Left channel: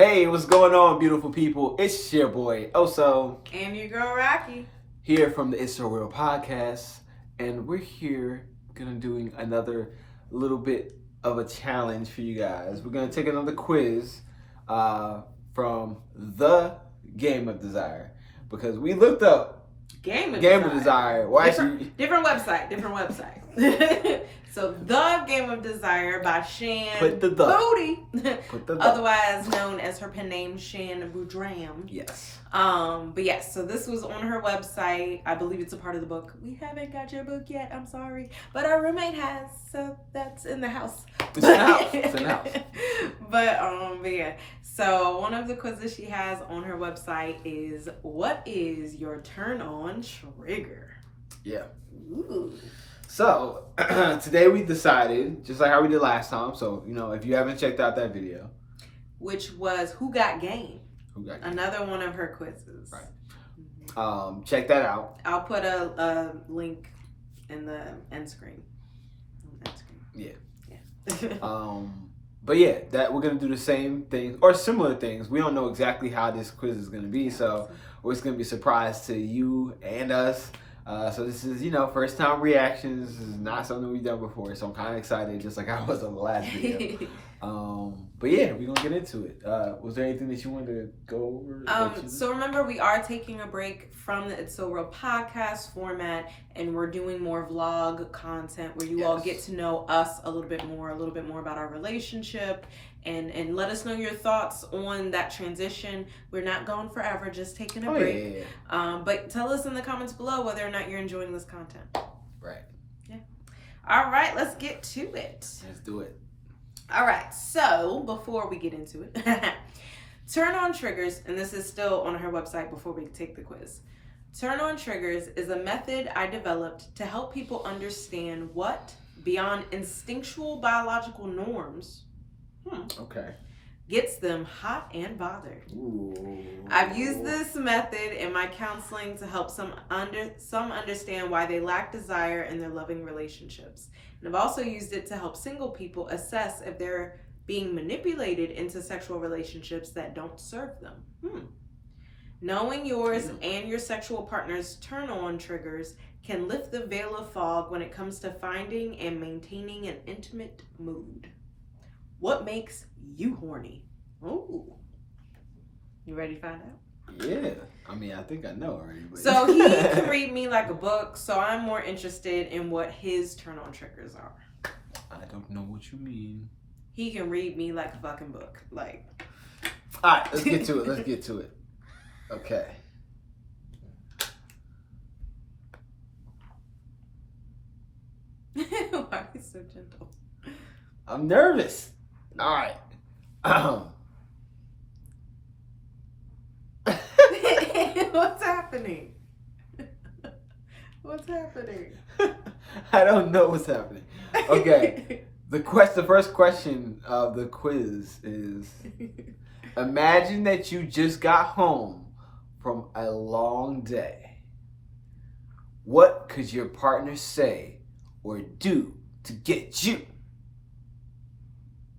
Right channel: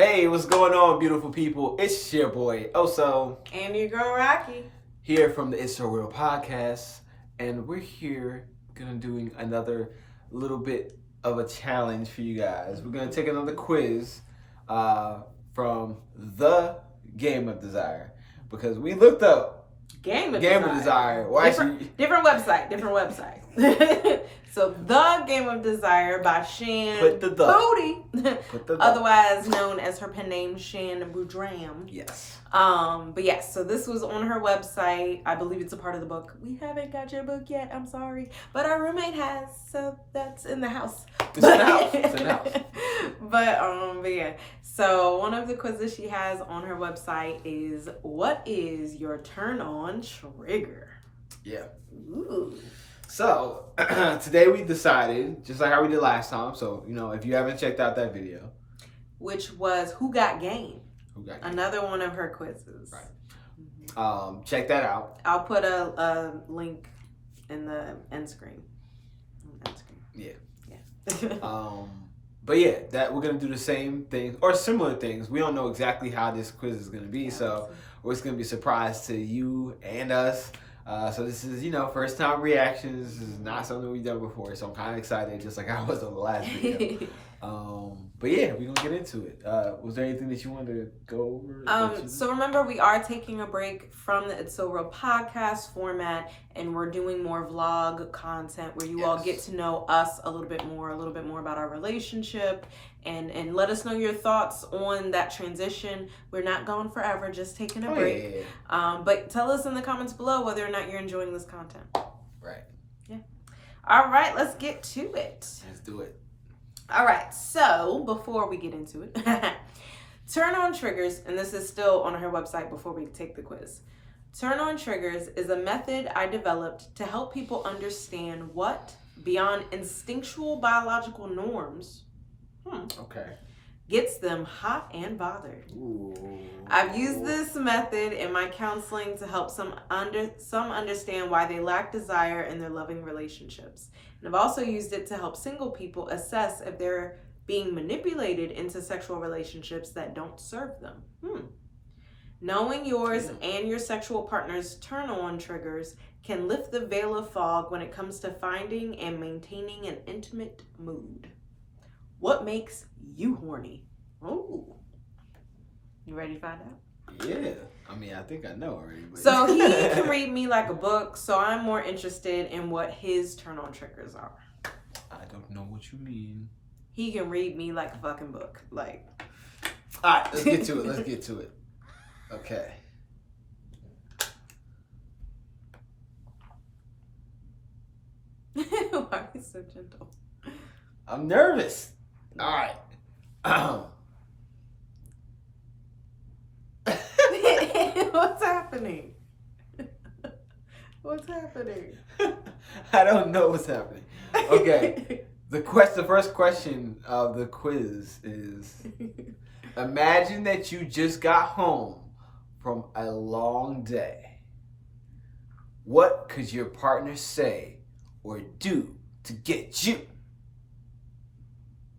Hey, what's going on, beautiful people? It's your boy Oso. And your girl Rocky. Here from the It's So Real podcast. And we're here gonna doing another little bit of a challenge for you guys. We're gonna take another quiz from the Game of Desire. Because we looked up Game of Desire. Well, different website. So, The Game of Desire by Shan Boody, otherwise known as her pen name Shan Boodram. Yes. But yes, so this was on her website. I believe it's a part of the book. We haven't got your book yet. I'm sorry, but our roommate has, so that's in the house. It's in the house. It's in the house. But yeah. So one of the quizzes she has on her website is, what is your turn on trigger? Yeah. Ooh. So, today we decided, just like how we did last time, so, if you haven't checked out that video. Which was Who Got Game? Who Got Game? Another one of her quizzes. Right. Mm-hmm. Check that out. I'll put a link in the end screen. Yeah. But yeah, that we're going to do the same things, or similar things. We don't know exactly how this quiz is going to be, so it's going to be a surprise to you and us. So this is, first time reactions. This is not something we've done before. So I'm kind of excited, just like I was on the last video. But yeah, we're going to get into it. Was there anything that you wanted to go over? So remember, we are taking a break from the It's So Real podcast format, and we're doing more vlog content where you all get to know us a little bit more about our relationship. And let us know your thoughts on that transition. We're not gone forever, just taking a break. Yeah. But tell us in the comments below whether or not you're enjoying this content. Right. Yeah. All right, let's get to it. Let's do it. All right, so before we get into it, turn on triggers, and this is still on her website before we take the quiz. Turn on triggers is a method I developed to help people understand what, beyond instinctual biological norms, gets them hot and bothered. Ooh. I've used this method in my counseling to help some understand why they lack desire in their loving relationships. And I've also used it to help single people assess if they're being manipulated into sexual relationships that don't serve them. Knowing yours and your sexual partner's turn-on triggers can lift the veil of fog when it comes to finding and maintaining an intimate mood. What makes you horny? Ooh. You ready to find out? Yeah. I mean, I think I know already. But... So he can read me like a book, so I'm more interested in what his turn-on triggers are. I don't know what you mean. He can read me like a fucking book. Like. All right, let's get to it. Okay. Why are you so gentle? I'm nervous. All right. What's happening? What's happening? I don't know what's happening. Okay. The first question of the quiz is: imagine that you just got home from a long day. What could your partner say or do to get you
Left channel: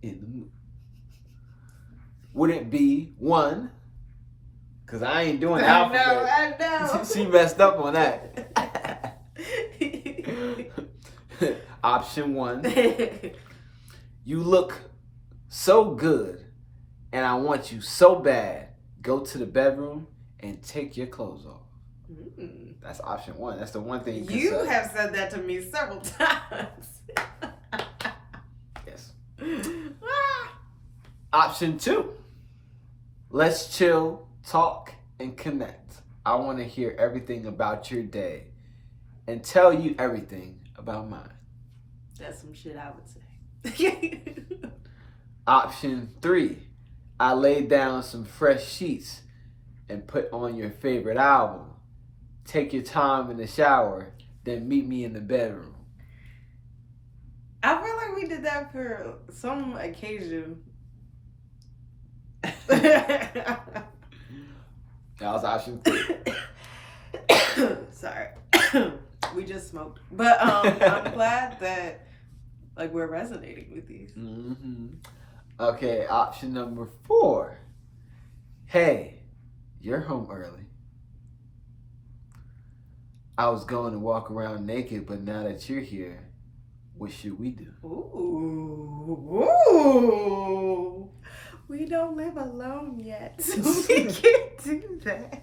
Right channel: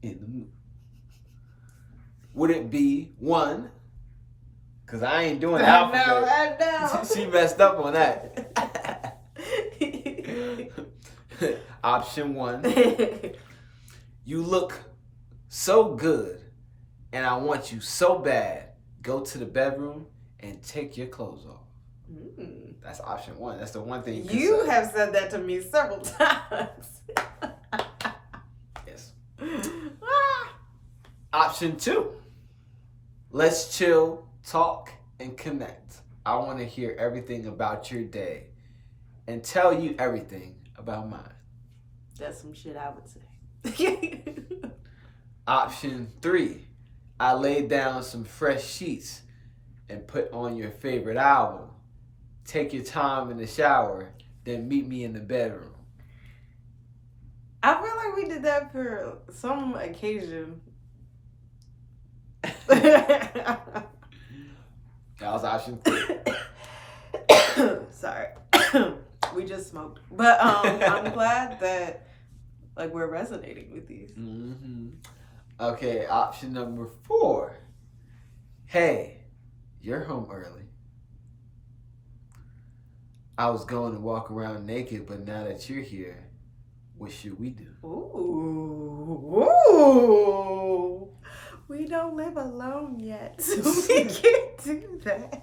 in the mood? Would it be 1? Because I ain't doing the alphabet. I know. She messed up on that. Option 1. You look so good and I want you so bad. Go to the bedroom and take your clothes off. That's option 1. That's the one thing you have said that to me several times. Yes. Option 2. Let's chill, talk, and connect. I want to hear everything about your day and tell you everything about mine. That's some shit I would say. Option 3. I laid down some fresh sheets and put on your favorite album. Take your time in the shower, then meet me in the bedroom. I feel like we did that for some occasion. That was option 3. Sorry. We just smoked. But I'm glad that we're resonating with these. Okay, option number 4. Hey, you're home early. I was going to walk around naked, but now that you're here, what should we do? Ooh. We don't live alone yet, so we can't do that.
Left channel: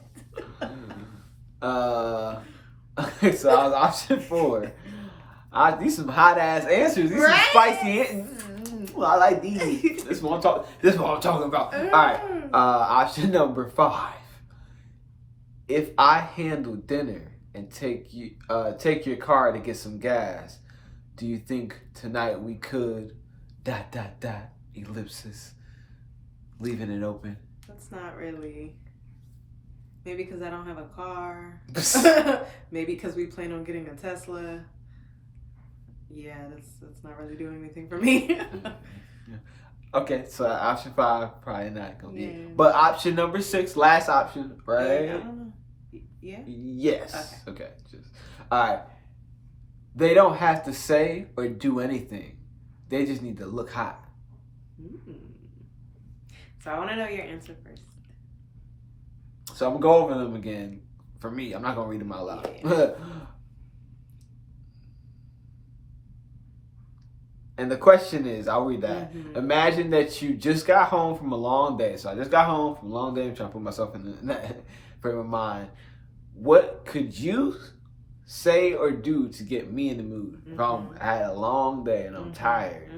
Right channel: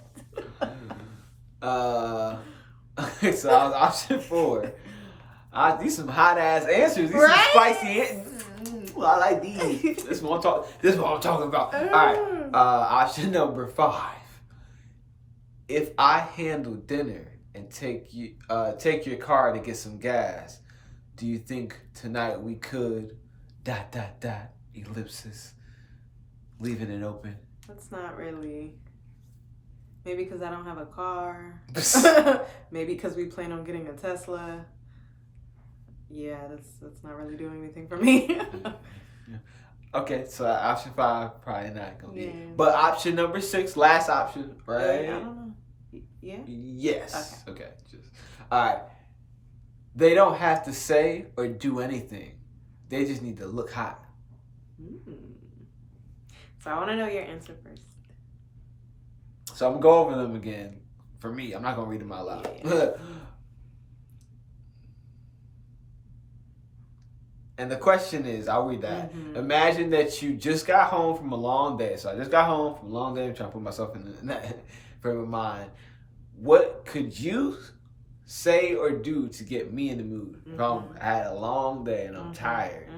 Okay, so I was option 4. These some hot ass answers. These some spicy answers. I like these. This is what I'm talking about. All right. Option number 5. If I handle dinner and take your car to get some gas, do you think tonight we could ... ellipsis, leaving it open? That's not really. Maybe because I don't have a car. Maybe because we plan on getting a Tesla. Yeah, that's not really doing anything for me. Yeah. Okay, so option 5 probably not gonna be. Yeah. But option number 6, last option, right? I don't know. Yeah. Yes. Okay. All right. They don't have to say or do anything. They just need to look hot. So I want to know your answer first. So I'm gonna go over them again. For me, I'm not gonna read them out loud. Yeah. And the question is, I'll read that. Imagine that you just got home from a long day. So I just got home from a long day. I'm trying to put myself in that frame of mind. What could you say or do to get me in the mood? If I had a long day and I'm tired.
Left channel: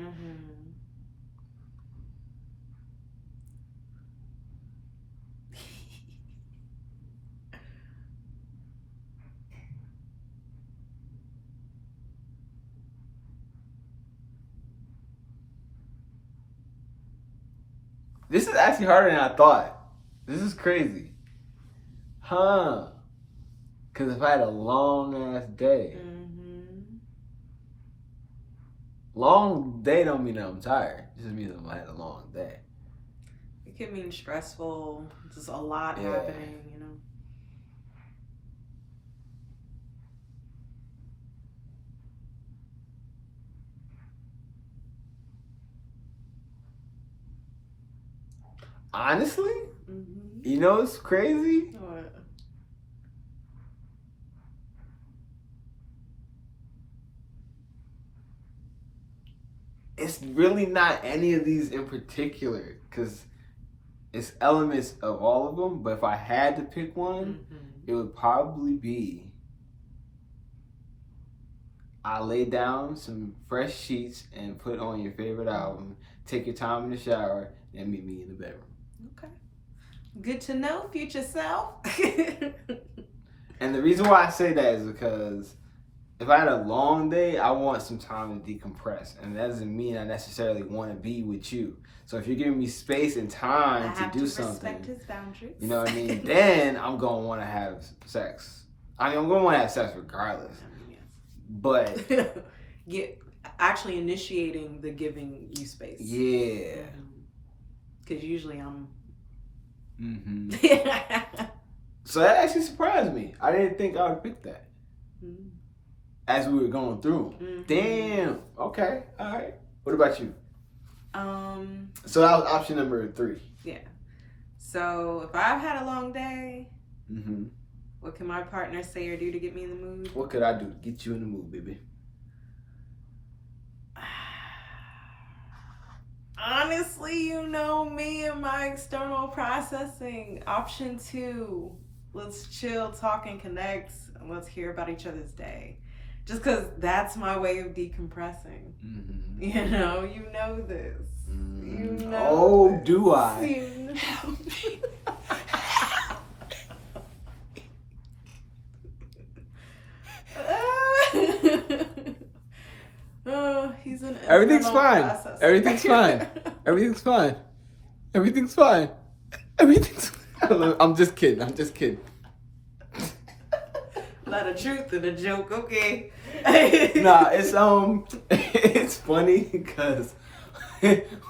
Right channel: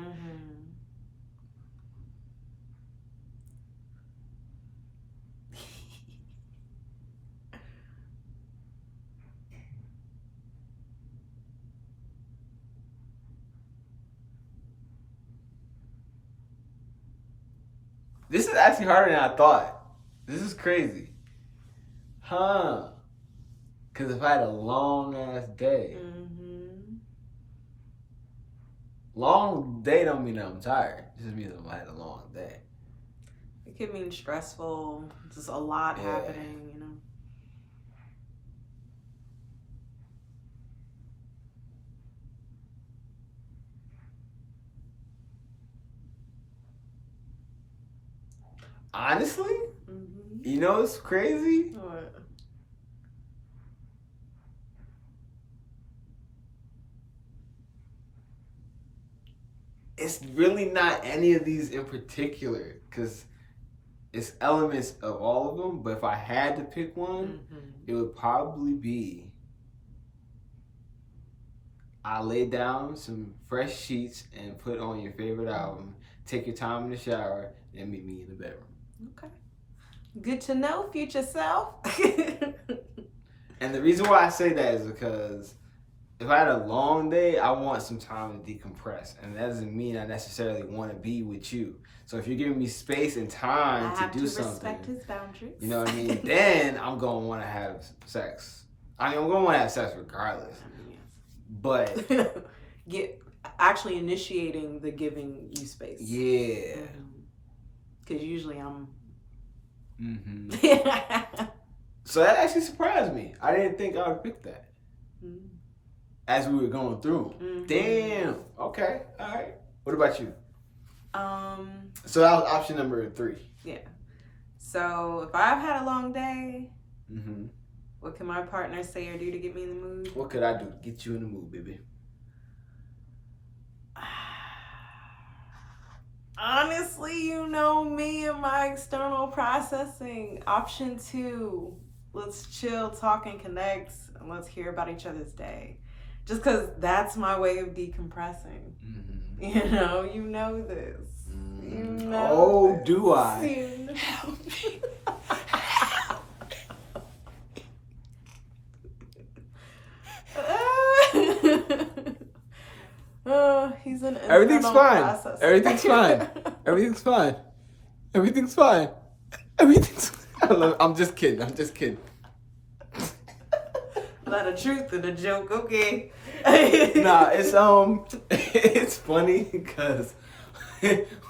This is actually harder than I thought. This is crazy. Because if I had a long ass day. Long day don't mean that I'm tired. It just means I had a long day. It could mean stressful. Just a lot happening, you know. Honestly, you know it's crazy? What? It's really not any of these in particular, because it's elements of all of them. But if I had to pick one, it would probably be I lay down some fresh sheets and put on your favorite album, take your time in the shower, and meet me in the bedroom. Okay. Good to know, future self. And the reason why I say that is because if I had a long day, I want some time to decompress. And that doesn't mean I necessarily want to be with you. So if you're giving me space and time to do something, respect his boundaries. You know what I mean? Then I'm going to want to have sex. I mean, I'm going to want to have sex regardless. But actually initiating the giving you space. Yeah. Because usually I'm. So that actually surprised me. I didn't think I would pick that. As we were going through. Damn. Okay. All right. What about you? So that was option number 3. Yeah. So if I've had a long day, what can my partner say or do to get me in the mood? What could I do to get you in the mood, baby? Honestly, you know me and my external processing. Option 2, let's chill, talk, and connect, and let's hear about each other's day. Just because that's my way of decompressing. You know this. You know this. Do I? Help me. Oh, he's an Everything's fine. Processor. Everything's fine. Everything's fine. Everything's fine. Everything's. I'm just kidding. I'm just kidding. A lot of truth in the joke. Okay. Nah, it's funny because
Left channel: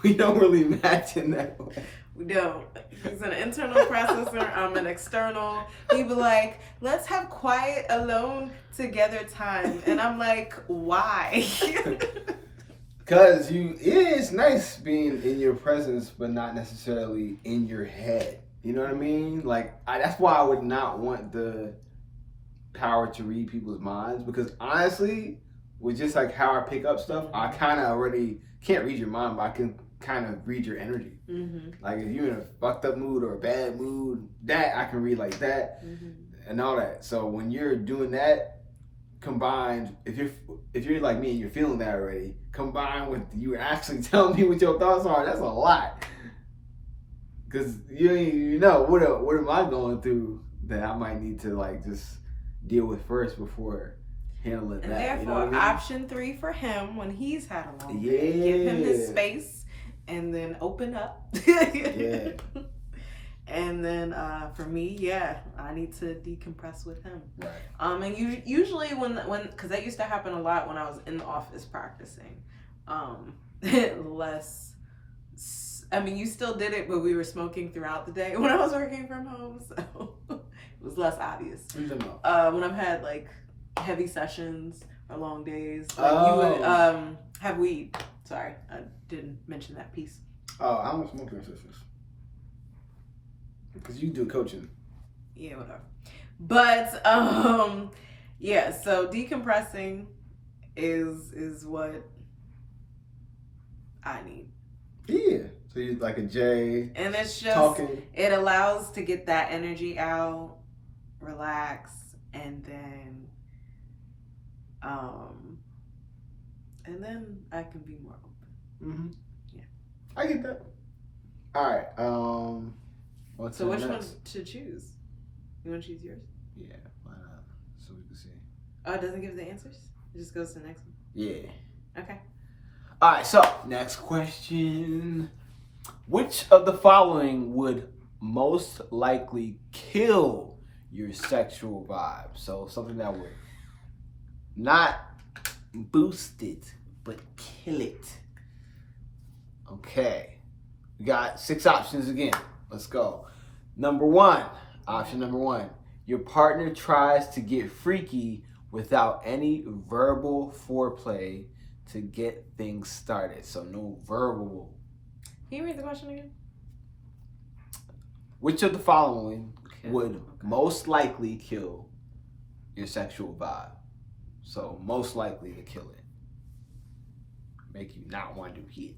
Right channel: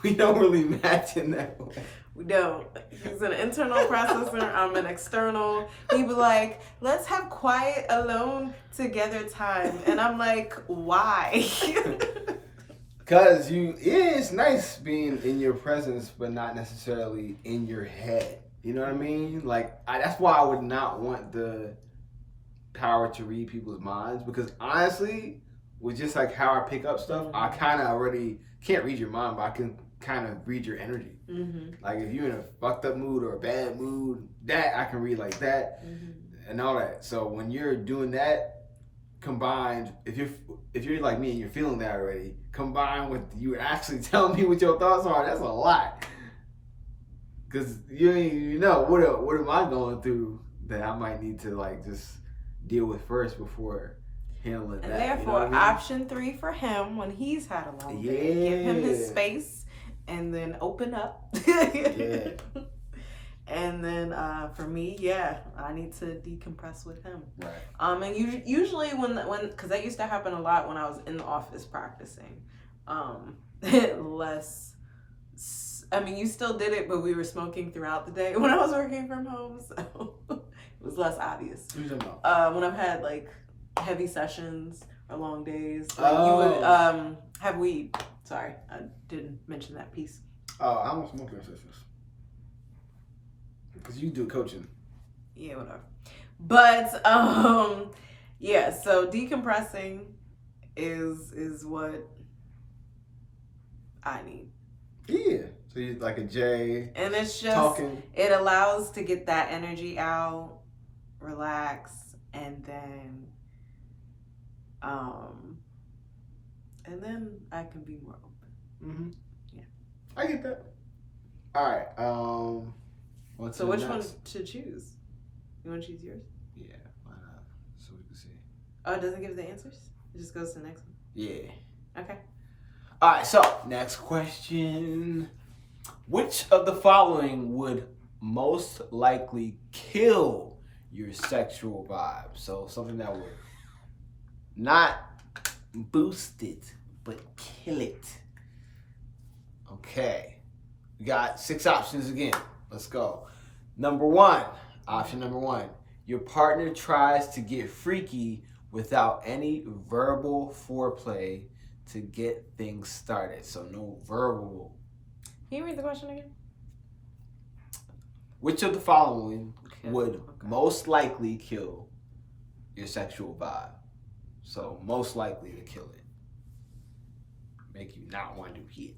we don't really match in that way. We don't. He's an internal processor. I'm an external. He be like, let's have quiet, alone, together time. And I'm like, why? Because it's nice being in your presence, but not necessarily in your head. You know what I mean? Like, that's why I would not want the power to read people's minds, because honestly, with just like how I pick up stuff, I kind of already can't read your mind, but I can kind of read your energy. Like if you're in a fucked up mood or a bad mood, that I can read like that and all that. So when you're doing that, combined, if you're like me and you're feeling that already, combined with you actually telling me what your thoughts are, that's a lot. Because you know what am I going through that I might need to like just deal with first before handling and that. therefore, you know what I mean? option 3 for him when he's had a long day. Give him his space and then open up. Yeah. And then for me, I need to decompress with him. Right. And usually when because that used to happen a lot when I was in the office practicing. Less. I mean, you still did it, but we were smoking throughout the day when I was working from home, so it was less obvious. What are you talking about? When I've had like heavy sessions or long days, like you would have weed. Sorry, I didn't mention that piece. Oh, I don't smoke during sessions. Because you do coaching. Yeah, whatever. But yeah, so decompressing is what I need. Yeah. So you like a J. And it's just talking. It allows to get that energy out, relax, and then I can be more open. Yeah. I get that. All right. So which one to choose? You want to choose yours? Yeah, why not? So we can see. Oh, it doesn't give the answers? It just goes to the next one? Yeah. Okay. All right, so next question. Which of the following would most likely kill your sexual vibe? So something that would not boost it, but kill it. Okay. We got 6 options again. Let's go. Option number one, your partner tries to get freaky without any verbal foreplay to get things started. So no verbal. Can you read the question again? Which of the following would most likely kill your sexual vibe? So most likely to kill it. Make you not want to hit.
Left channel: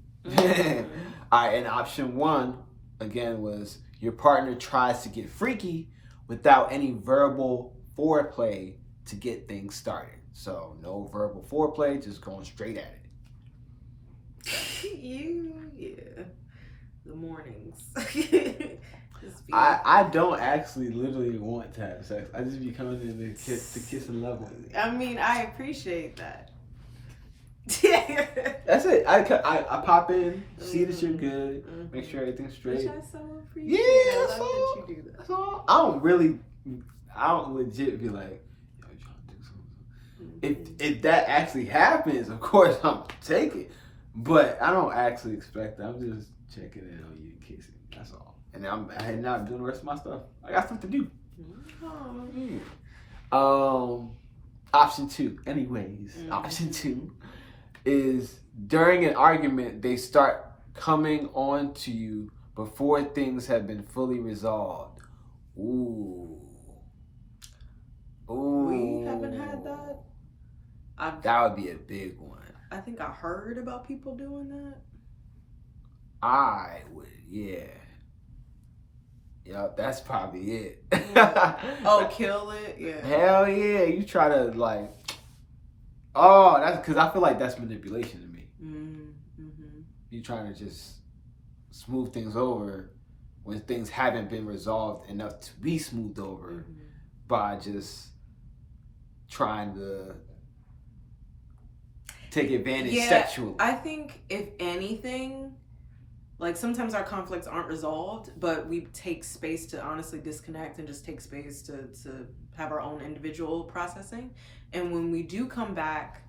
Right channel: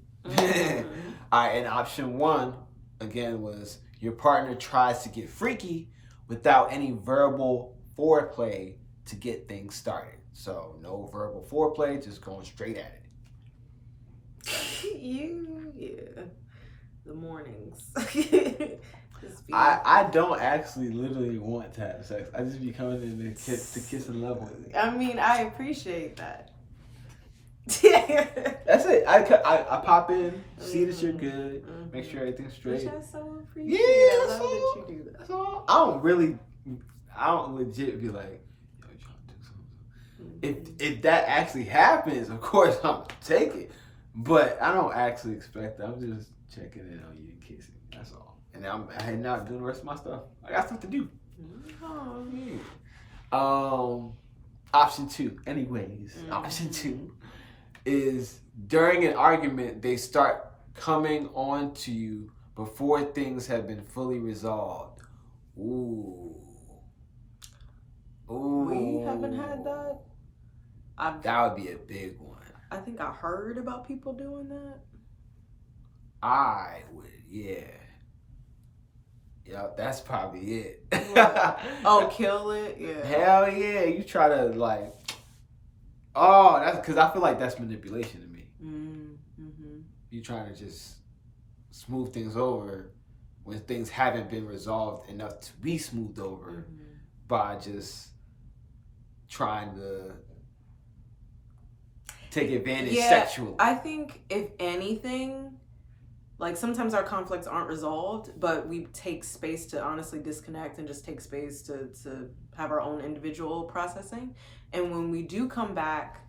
All right, and option 1 again was your partner tries to get freaky without any verbal foreplay to get things started. So no verbal foreplay, just going straight at it. The mornings. I don't actually literally want to have sex. I just be coming in to kiss and love with it. I mean, I appreciate that. That's it. I pop in, see that you're good, make sure everything's straight. Which I so appreciate. Yeah, that's all. That you do that. That's all. I don't legit be like, yo, you trying to do something. If that actually happens, of course I'm take it. But I don't actually expect that. I'm just checking in on you and kissing. That's all. And I'm heading out and doing the rest of my stuff. I got stuff to do. Option 2. Anyways, option 2 is during an argument, they start coming on to you before things have been fully resolved. Ooh. We haven't had that. That would be a big one. I think I heard about people doing that. I would, yeah. Yep, that's probably it. Yeah. Oh, kill it? Yeah. Hell yeah. You try to like, oh, that's because I feel like that's manipulation to me. You trying to just smooth things over when things haven't been resolved enough to be smoothed over by just trying to take advantage sexually. I think if anything, like sometimes our conflicts aren't resolved, but we take space to honestly disconnect and just take space to have our own individual processing. And when we do come back,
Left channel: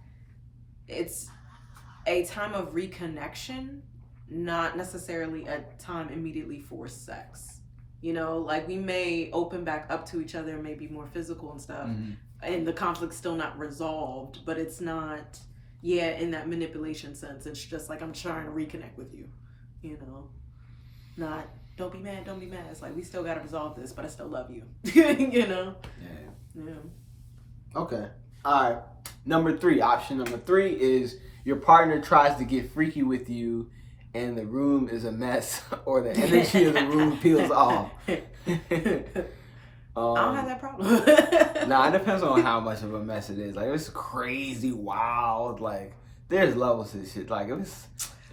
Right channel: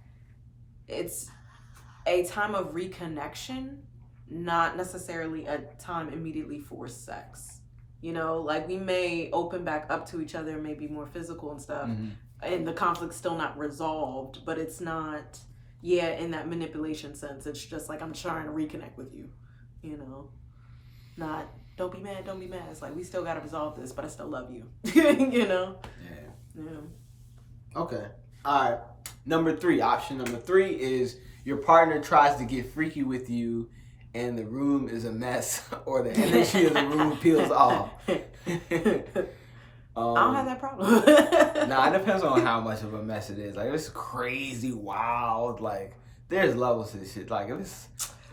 it's a time of reconnection, not necessarily a time immediately for sex. You know, like we may open back up to each other, maybe more physical and stuff, and the conflict's still not resolved, but it's not, in that manipulation sense. It's just like I'm trying to reconnect with you, you know, not don't be mad. It's like, we still got to resolve this, but I still love you. You know? Yeah. Okay. All right. Option number 3 is your partner tries to get freaky with you and the room is a mess or the energy of the room peels off. I don't have that problem. Nah, it depends on how much of a mess it is. Like, if it's crazy, wild, like, there's levels to this shit. Like, if it's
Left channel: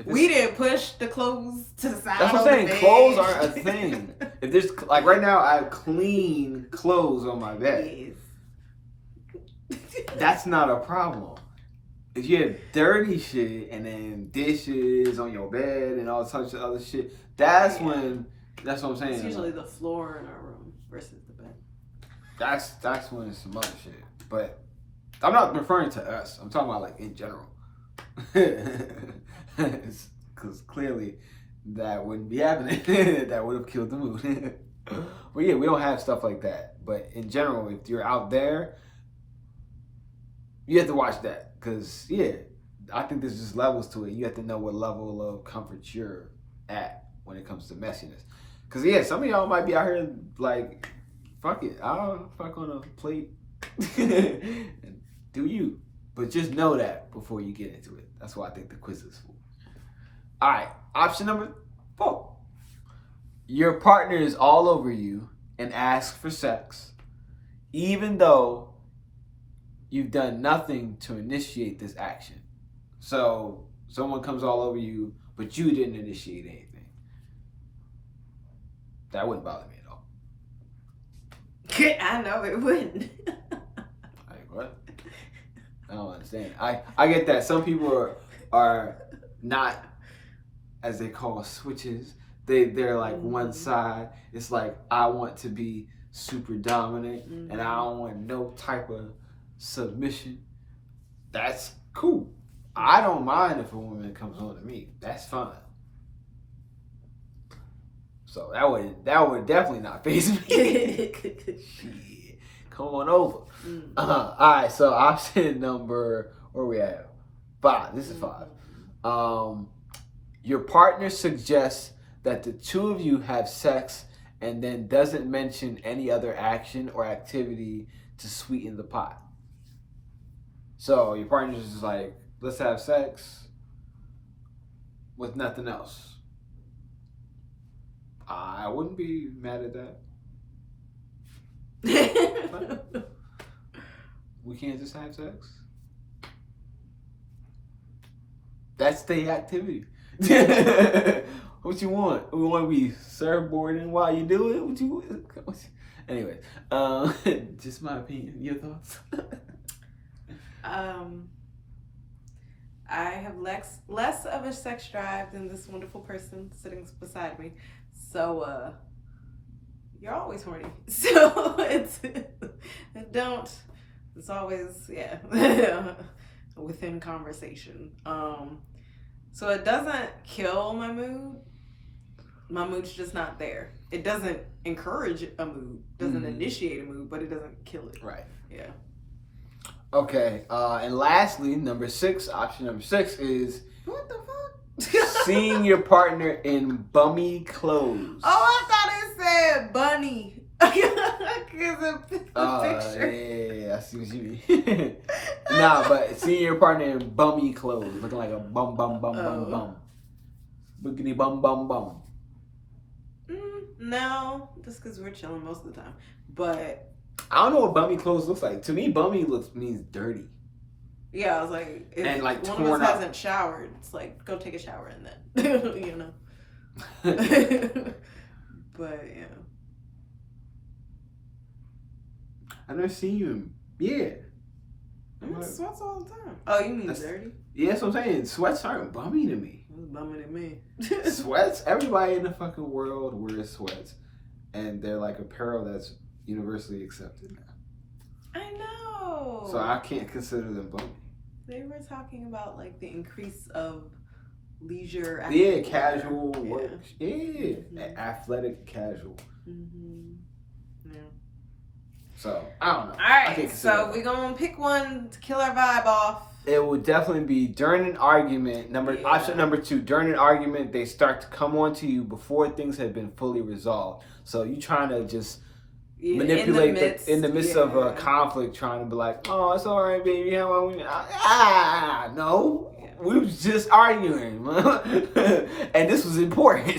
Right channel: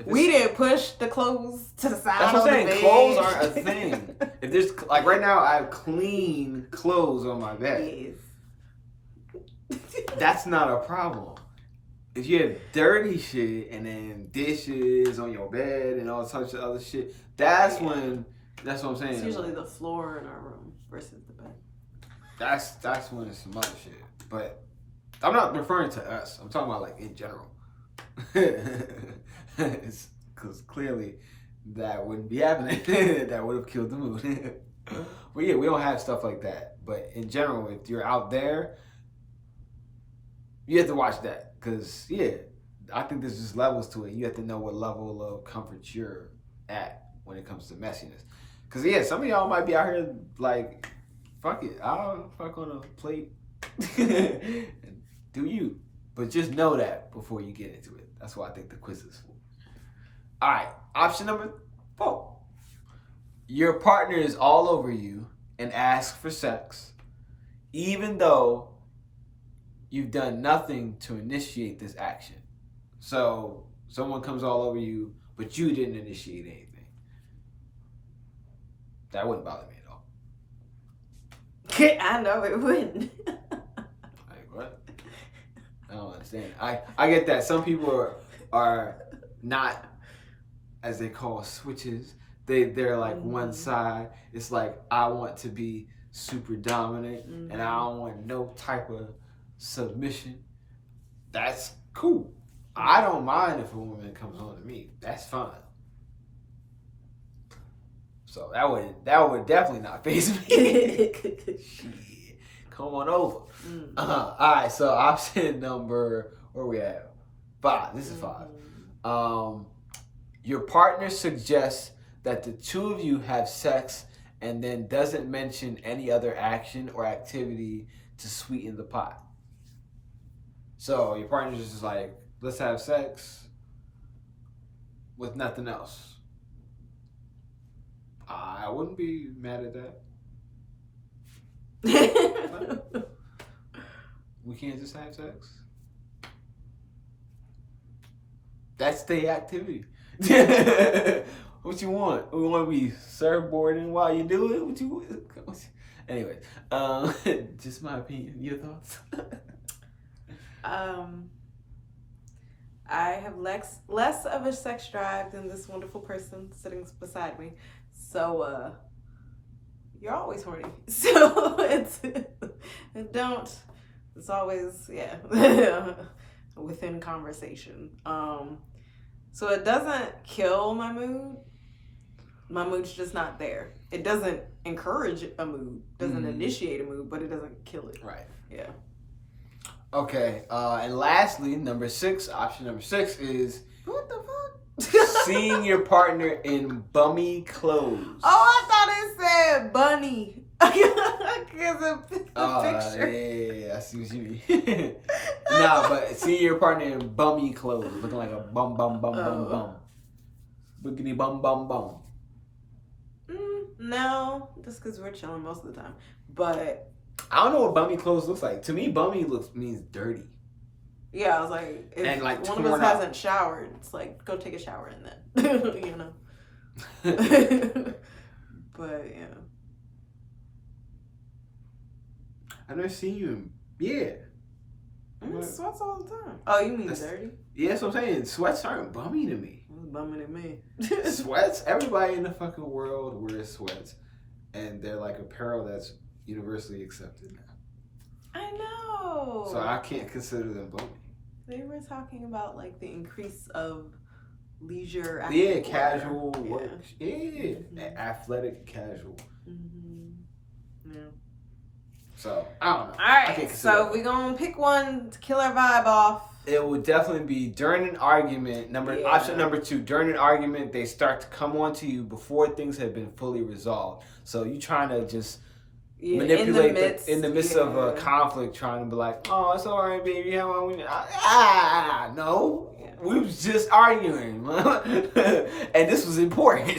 we didn't push the clothes to the side. That's what I'm saying. Clothes aren't a thing. If there's, like, right now, I have clean clothes on my bed. Yes. That's not a problem. If you have dirty shit and then dishes on your bed and all such other shit, that's what I'm saying. It's usually the floor in our room versus the bed. That's when it's some other shit. But I'm not referring to us. I'm talking about, like, in general. Because clearly that wouldn't be happening. That would have killed the mood. But yeah, we don't have stuff like that. But in general, if you're out there, you have to watch that. Because, yeah, I think there's just levels to it. You have to know what level of comfort you're at when it comes to messiness. Because, yeah, some of y'all might be out here like, fuck it, I'll fuck on a plate. And do you. But just know that before you get into it. That's what I think the quiz is for. All right, option number 4. Your partner is all over you and asks for sex, even though you've done nothing to initiate this action. So someone comes all over you, but you didn't initiate anything. That wouldn't bother me at all. I know it wouldn't. Like, what? I don't understand. I get that some people are not, as they call, switches. They're like one side. It's like, I want to be super dominant and I don't want no type of submission. That's cool. I don't mind if a woman comes on to me. That's fine. So that would definitely not faze me. Shit. Come on over. All right, so option number, where we at? 5. This is 5. Your partner suggests that the two of you have sex and then doesn't mention any other action or activity to sweeten the pot. So your partner's just like, let's have sex with nothing else. I wouldn't be mad at that. We can't just have sex. That's the activity. What you want? We want to be surfboarding while you do it? What you want? Anyways, just my opinion. Your thoughts? I have less of a sex drive than this wonderful person sitting beside me. So, you're always horny. So, it's always, within conversation. So it doesn't kill my mood. My mood's just not there. It doesn't encourage a mood, doesn't initiate a mood, but it doesn't kill it. Right. Yeah. Okay, and lastly, option number 6 is What the fuck? seeing your partner in bummy clothes. Oh, I thought it said bunny. Because of the picture. Yeah, I see what you mean. Nah, but seeing your partner in bummy clothes, looking like a bum. Boogity bum. No, just because we're chilling most of the time. But I don't know what bummy clothes looks like. To me, bummy means dirty. Yeah, I was like, if and like one torn of us up. hasn't showered, it's like, go take a shower and then, you know. But yeah, I've never seen you in, yeah. I'm in sweats all the time. Oh, you mean dirty? Yeah, that's what I'm saying. Sweats aren't bummy to me. It's bummy to me. Sweats, everybody in the fucking world wears sweats. And they're like apparel that's universally accepted now. I know. So I can't consider them bummy. They were talking about like the increase of leisure. Yeah, casual work. Yeah, athletic casual. Yeah. So I don't know. All right, so we're gonna pick one to kill our vibe off. It would definitely be during an argument. Option number 2. During an argument, they start to come on to you before things have been fully resolved. So you trying to just manipulate in the midst of a conflict, trying to be like, "Oh, it's all right, baby. How long we?" No, we was just arguing, and this was important.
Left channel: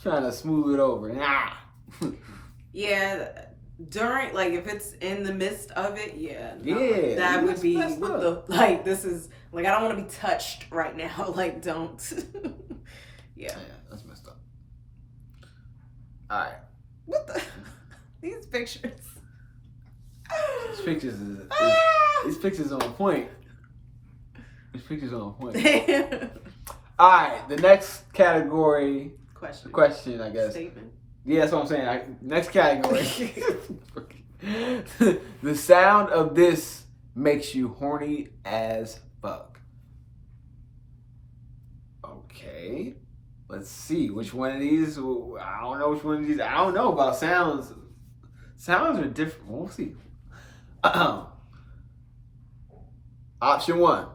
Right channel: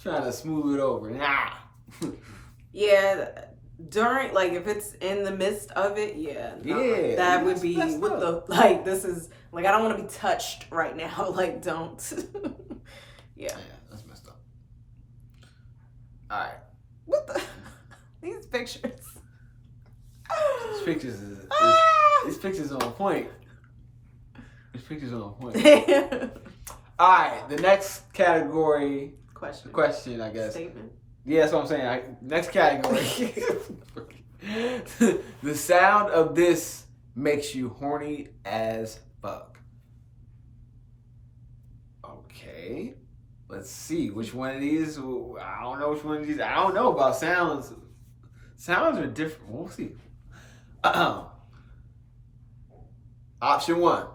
Trying to smooth it over. Yeah. During, like, if it's in the midst of it, that would be with the, like, this is, like, I don't want to be touched right now. Like, don't. Yeah, that's messed up. All right. What the? These pictures. These pictures on point. These pictures on point. All right, the next category. Question, I guess. Statement. Yeah, that's what I'm saying. Next category. The sound of this makes you horny as fuck. Okay. Let's see. Which one of these? I don't know which one of these. I don't know about sounds. Sounds are different. We'll see. Option 1.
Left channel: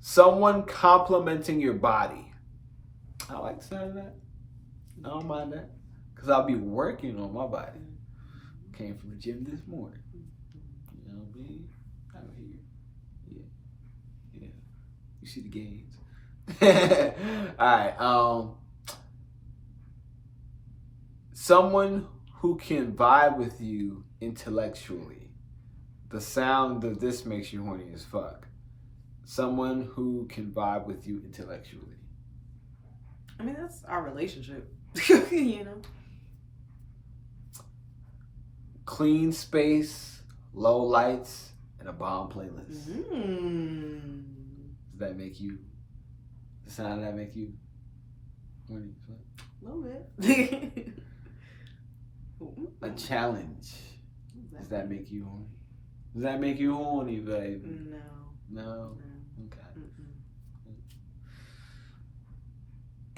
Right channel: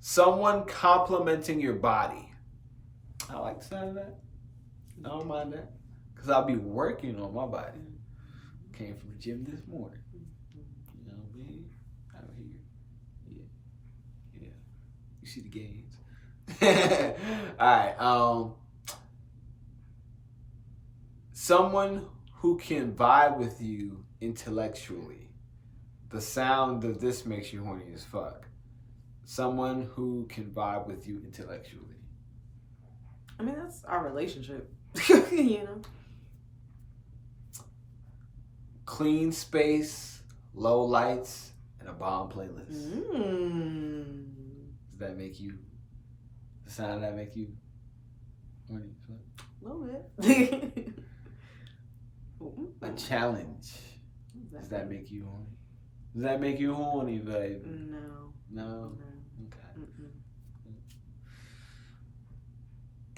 Someone complimenting your body. I like the sound of that. I don't mind that. Because I'll be working on my body. Came from the gym this morning. You know what I mean? Out here. Yeah. You see the gains. Alright. Someone who can vibe with you intellectually. The sound of this makes you horny as fuck. Someone who can vibe with you intellectually. I mean, that's our relationship. You know? Clean space, low lights, and a bomb playlist. Does that make you? The sound of that make you horny? A little bit. A challenge. Does that make you horny? Does that make you horny, baby? No? Okay.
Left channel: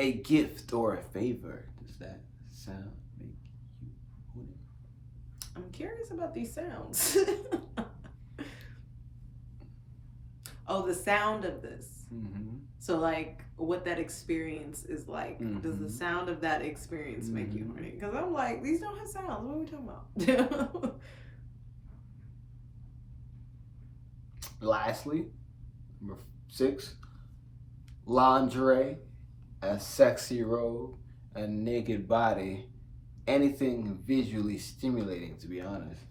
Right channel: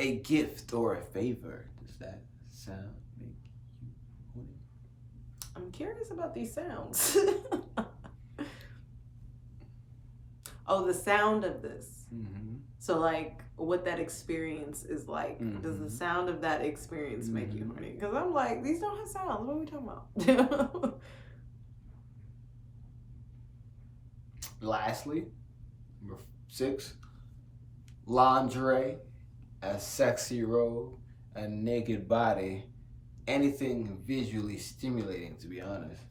A gift or a favor. Does that sound make you horny? I'm curious about these sounds. Oh, the sound of this. Mm-hmm. So, like, what that experience is like. Mm-hmm. Does the sound of that experience make you horny? Because I'm like, these don't have sounds. What are we talking about? Lastly, number 6, lingerie, a sexy robe, a naked body, anything visually stimulating, to be honest.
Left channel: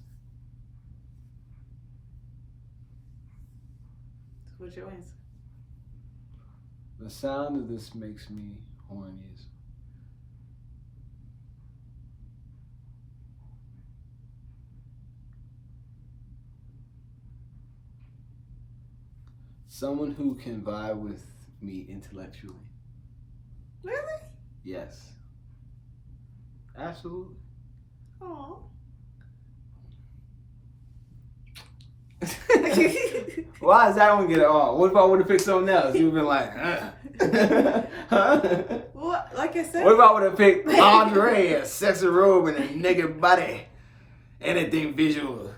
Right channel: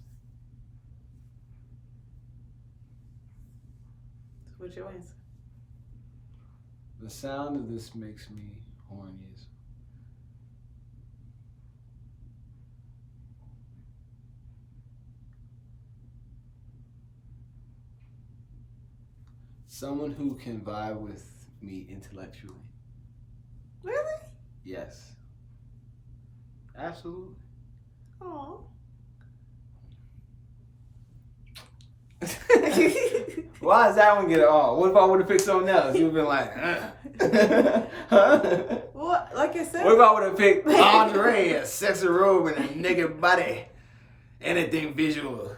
What's your answer? The sound of this makes me horny. Someone who can vibe with me intellectually. Really? Yes. Absolutely. Aww. Why does that one get it all? What if I would have picked something else? You'd have been like, Well, like I said. What if I would have picked lingerie, a sexy robe, and a naked body? Anything visual.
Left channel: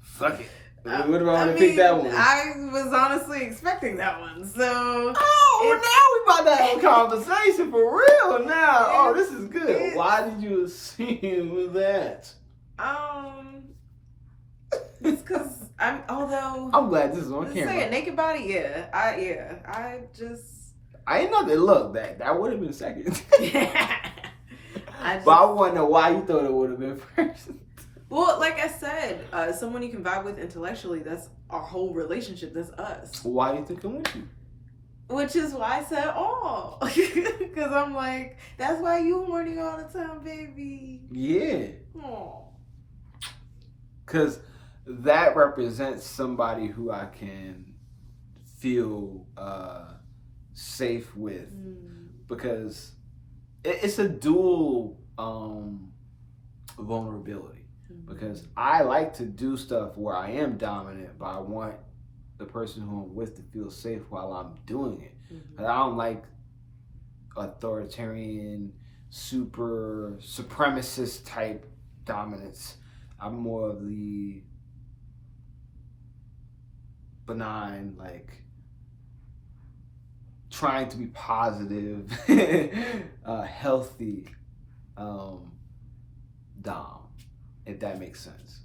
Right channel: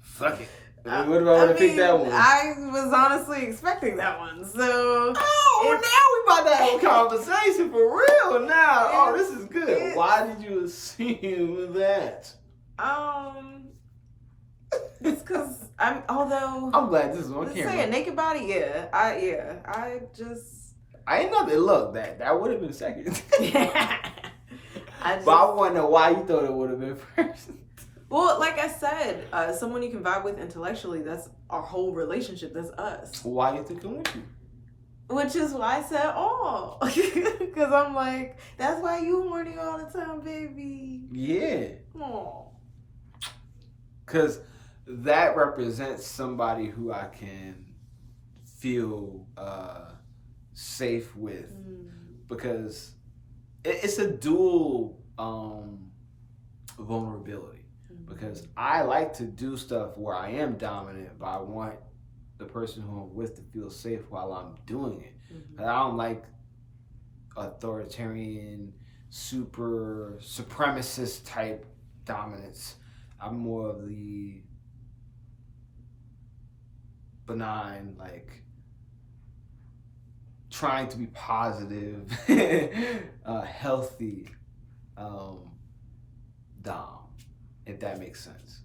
Fuck it. What if I would have picked that one? I was honestly expecting that one, so. Oh, now we about to have a conversation for real now. Oh, this is good. Why did you assume that? It's because I'm glad this is on camera. Say a naked body, I ain't know that. Look, that would have been second. But I want to know why you thought it would have been first. Well, like I said, someone you can vibe with intellectually, that's our whole relationship. That's us. Why do you think I'm with you? Which is why I said, because I'm like, that's why you horny all the time, baby. Yeah. Oh. Because that represents somebody who I can feel safe with. Because it's a dual vulnerability. Because I like to do stuff where I am dominant, but I want the person who I'm with to feel safe while I'm doing it. I don't like authoritarian, super supremacist type dominance. I'm more of the benign, like trying to be positive, healthy dom, if that makes sense.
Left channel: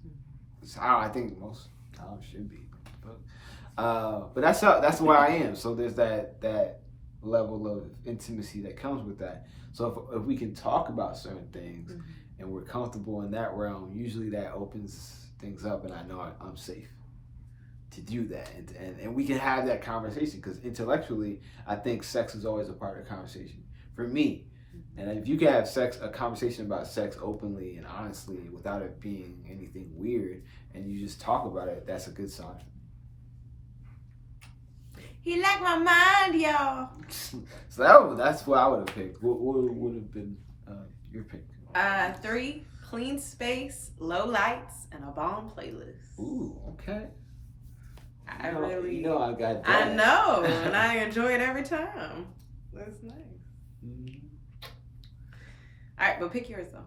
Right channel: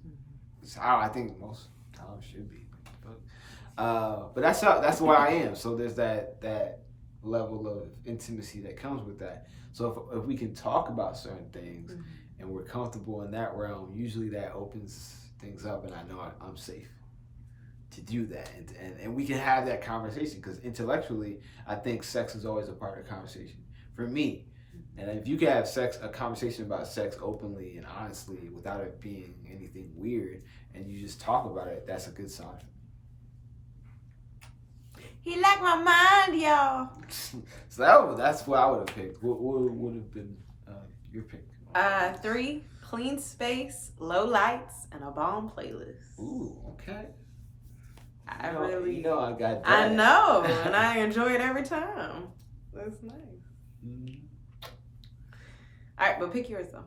It's how I think most doms should be. But that's where I am. So there's that level of intimacy that comes with that. So if we can talk about certain things and we're comfortable in that realm, usually that opens things up, and I know I'm safe to do that, and we can have that conversation, because intellectually I think sex is always a part of the conversation for me. And if you can have a conversation about sex openly and honestly without it being anything weird, and you just talk about it, that's a good sign. He like my mind, y'all. So that's what I would have picked. What would have been your pick? 3, clean space, low lights, and a bomb playlist. Ooh, okay. I really, I got that. I know, and I enjoy it every time. That's nice. Mm-hmm. All right, but pick yours though.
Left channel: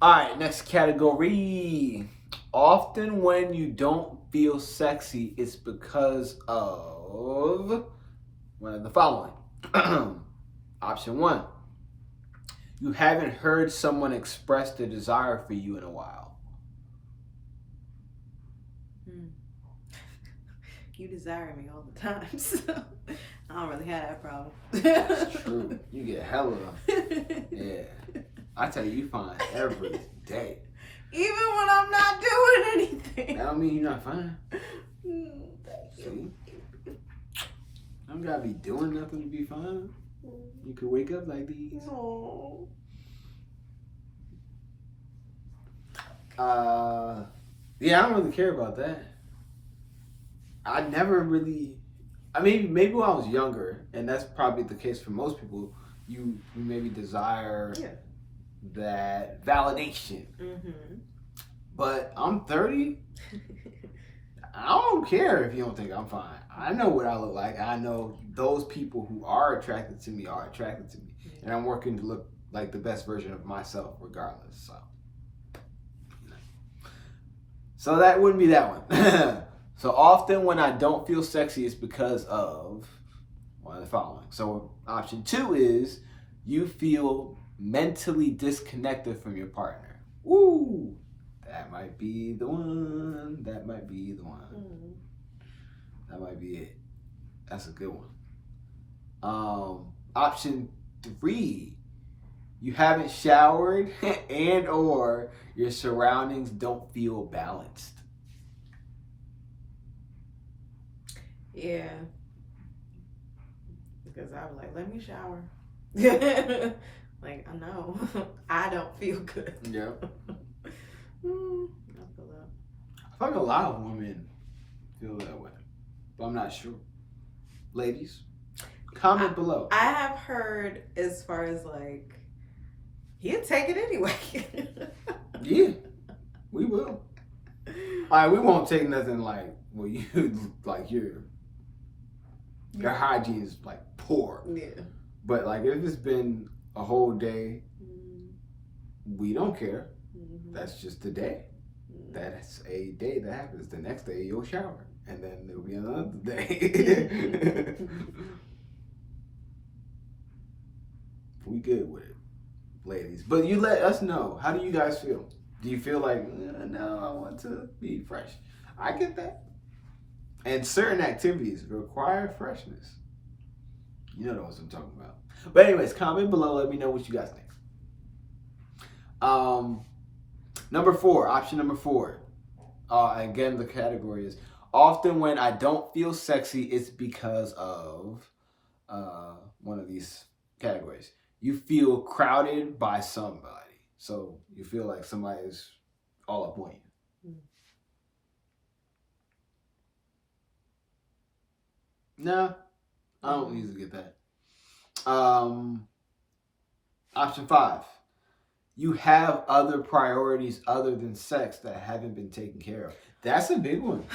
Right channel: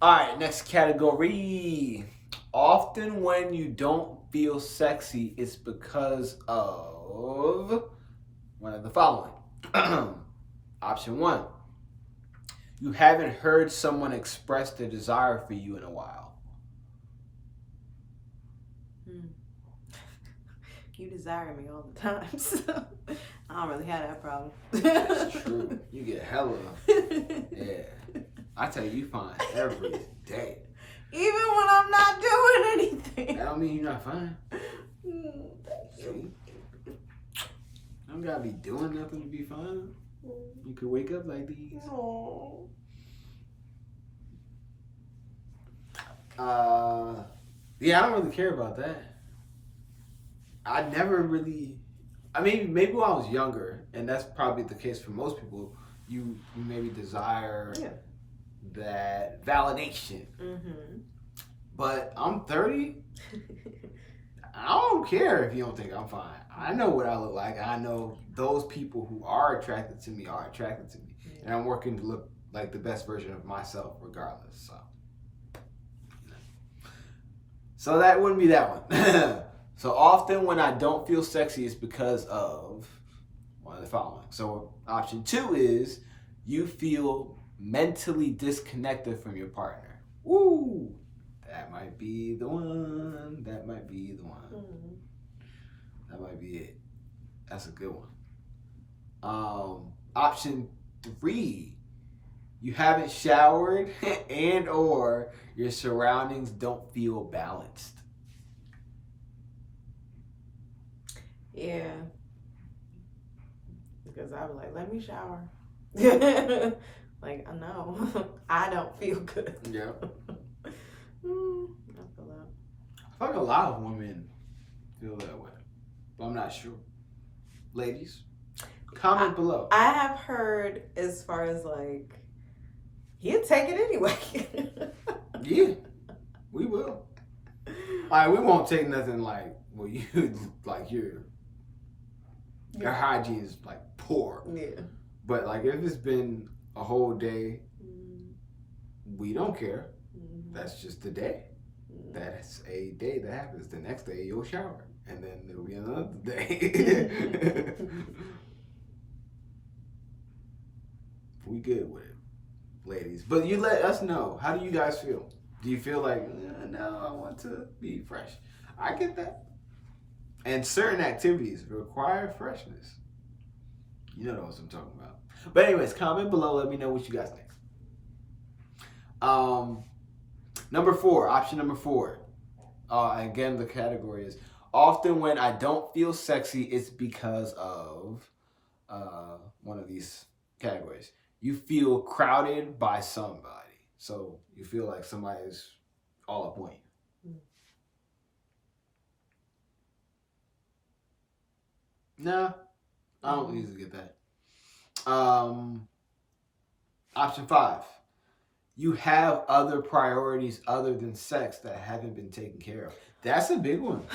All right, next category. Often when you don't feel sexy, it's because of one of the following. Option 1, you haven't heard someone express their desire for you in a while. You desire me all the time, so I don't really have that problem. That's true. You get hella. Yeah. I tell you fine every day. Even when I'm not doing anything. That don't mean you're not fine. See? I don't gotta be doing nothing to be fine. You could wake up like these. Oh. Yeah, I don't really care about that. I never really. I mean, maybe when I was younger, and that's probably the case for most people. You maybe desire that validation. Mm-hmm. But I'm 30. I don't care if you don't think I'm fine. I know what I look like. I know those people who are attracted to me are attracted to me. Mm-hmm. And I'm working to look like the best version of myself regardless. So that wouldn't be that one. So often when I don't feel sexy, it's because of one of the following. So option 2 is you feel mentally disconnected from your partner. Woo! That might be the one. That might be the one. Mm-hmm. That might be it. That's a good one. Option 3, you haven't showered and or your surroundings don't feel balanced. Yeah. Because I was like, let me shower. Like, I know. I don't feel good. Yeah. I feel that. I feel like a lot of women feel that way, but I'm not sure. Ladies, comment below. I have heard as far as like, he'll take it anyway. Yeah, we will. All right, we won't take nothing like, well, you like your hygiene is like poor. Yeah. But like if it's been a whole day, we don't care. Mm-hmm. That's just the day. Mm-hmm. That's a day that happens. The next day you'll shower, and then there'll be another day. We good with it, ladies. But you let us know. How do you guys feel? Do you feel like, no, I want to be fresh? I get that. And certain activities require freshness. You know what I'm talking about. But anyways, comment below. Let me know what you guys think. Number 4, option number 4. Again, the category is often when I don't feel sexy, it's because of one of these categories. You feel crowded by somebody. So you feel like somebody's all up on you. No, I don't usually get that. Option 5. You have other priorities other than sex that haven't been taken care of. That's a big one.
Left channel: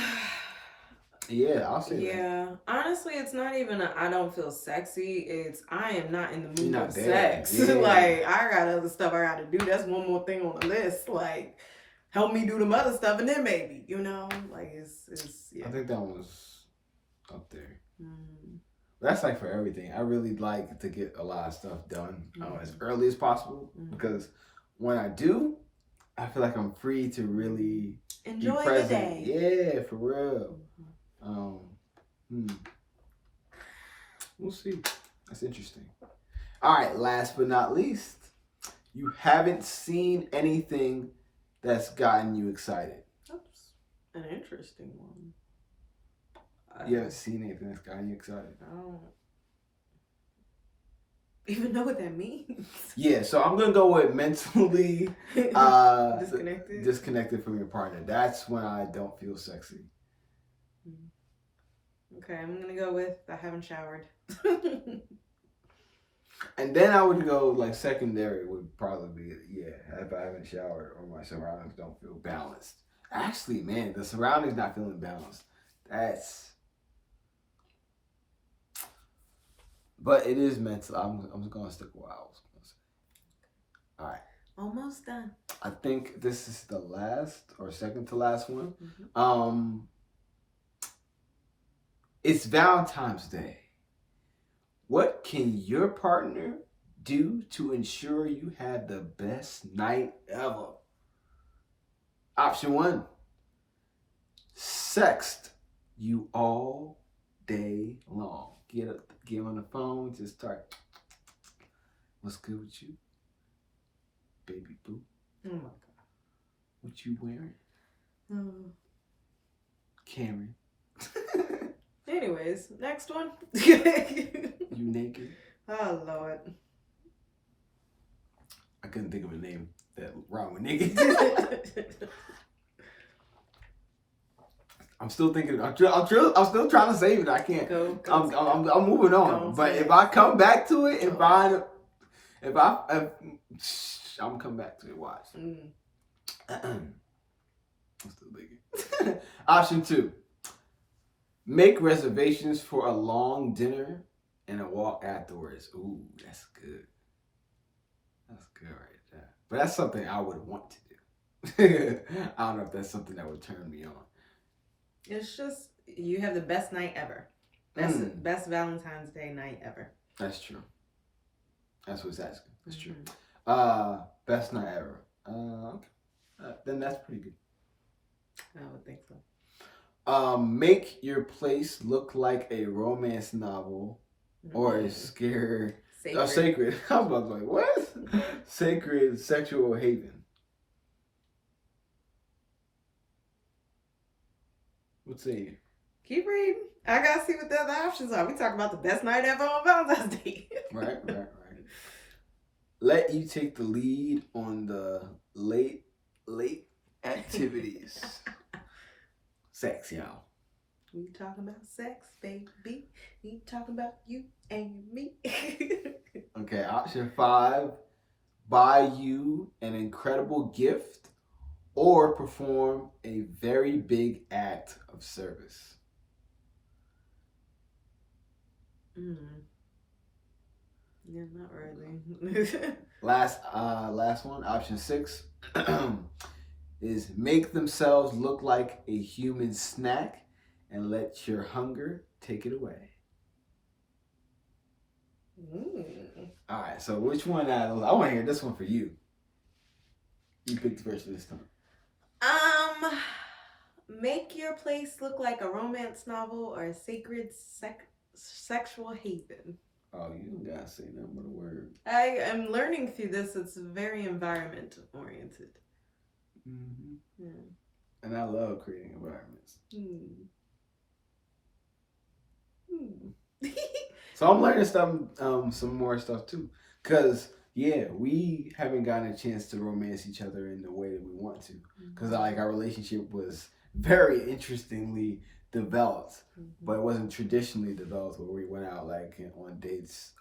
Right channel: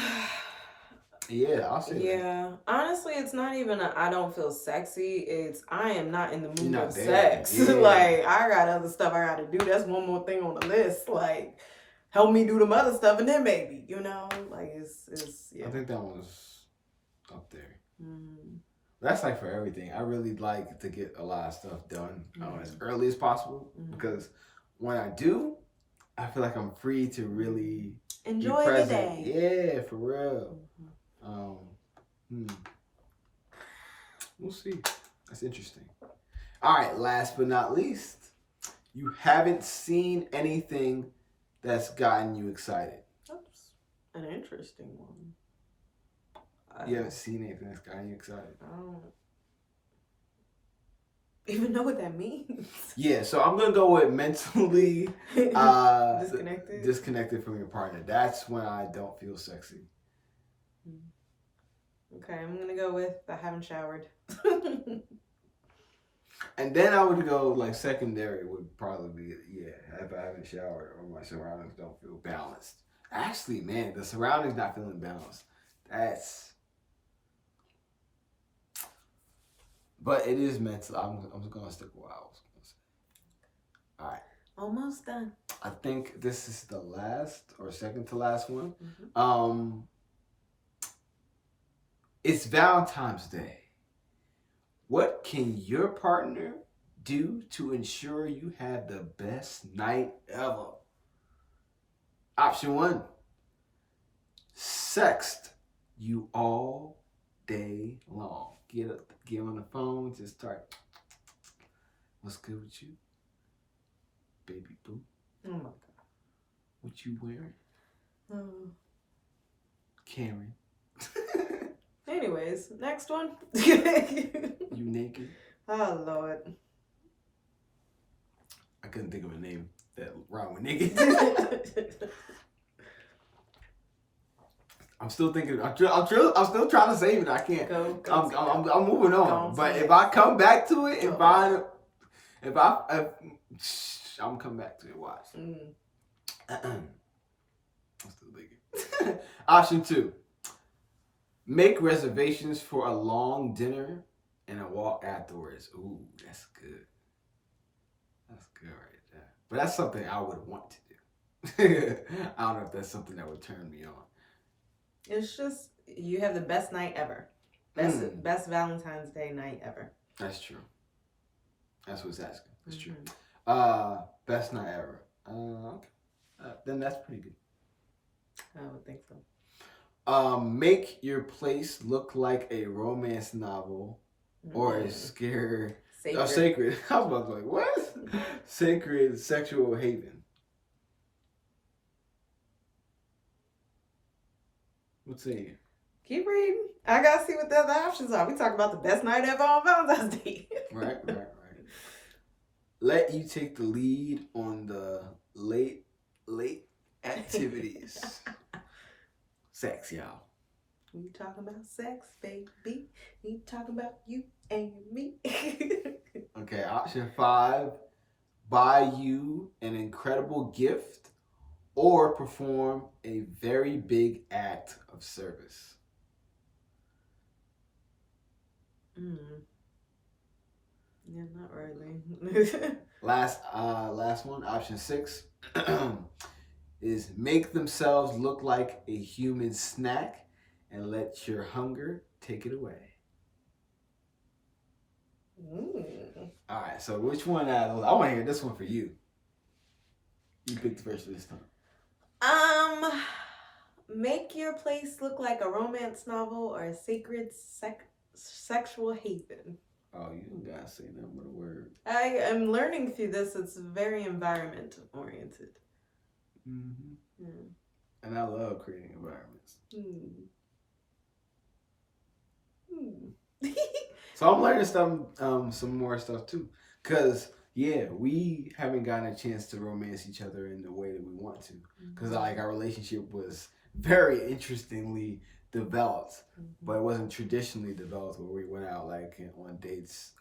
Yeah, I'll say that. Yeah, honestly, it's not even I don't feel sexy. It's I am not in the mood for sex. Yeah. Like, I got other stuff I got to do. That's one more thing on the list. Like, help me do the other stuff, and then maybe, you know, like it's yeah. I think that one was up there. That's like for everything. I really like to get a lot of stuff done as early as possible because when I do, I feel like I'm free to really enjoy be present. the day. Yeah, for real. We'll see. That's interesting. All right, last but not least, you haven't seen anything that's gotten you excited. That's an interesting one. You haven't seen anything that's gotten you excited? I don't even know what that means. Yeah, so I'm going to go with mentally disconnected from your partner. That's when I don't feel sexy. Okay, I'm going to go with I haven't showered. And then I would go like secondary would probably be, if I haven't showered or my surroundings don't feel balanced. Actually, man, the surroundings not feeling balanced. But it is mental. I'm going to stick with what I was going to say. All right. Almost done. I think this is the last or second to last one. It's Valentine's Day. What can your partner do to ensure you have the best night ever? Option 1, sext you all day long. Get on the phone, just start. What's good with you? Baby boo. Oh my God. What you wearing? Karen. Anyways, next one. You naked? Oh Lord. I couldn't think of a name that rhymed with naked. I'm still thinking. I'm still trying to save it. I can't. I'm moving on. But if I come back to it and find, I'm coming back to it. Watch. I'm still thinking. Option 2. Make reservations for a long dinner and a walk afterwards. Ooh, that's good. That's good right there. But that's something I would want to do. I don't know if that's something that would turn me on. It's just, you have the best night ever. Best Valentine's Day night ever. That's true. That's what's asking. That's true. Best night ever. Okay. Then that's pretty good. I would think so. Make your place look like a romance novel or a sacred. Sacred. I was about to be like, what? Sacred sexual haven. What's it? Keep reading. I gotta see what the other options are. We talk about the best night ever on Valentine's Day. Right. Let you take the lead on the late activities. Sex, y'all. We talking about sex, baby. We talking about you and me. Okay, option 5. Buy you an incredible gift or perform a very big act of service. Yeah, not really. Last one, option 6, is make themselves look like a human snack and let your hunger take it away. All right, so which one I want to hear this one for you. You picked the first this time. Make your place look like a romance novel or a sacred sexual haven. Oh, you don't gotta say nothing but a word. I am learning through this. It's very environment oriented. Yeah. And I love creating environments. So I'm learning some more stuff too. Cause we haven't gotten a chance to romance each other in the way that we want to. Cause like our relationship was very interestingly developed, but it wasn't traditionally developed where we went out like on dates.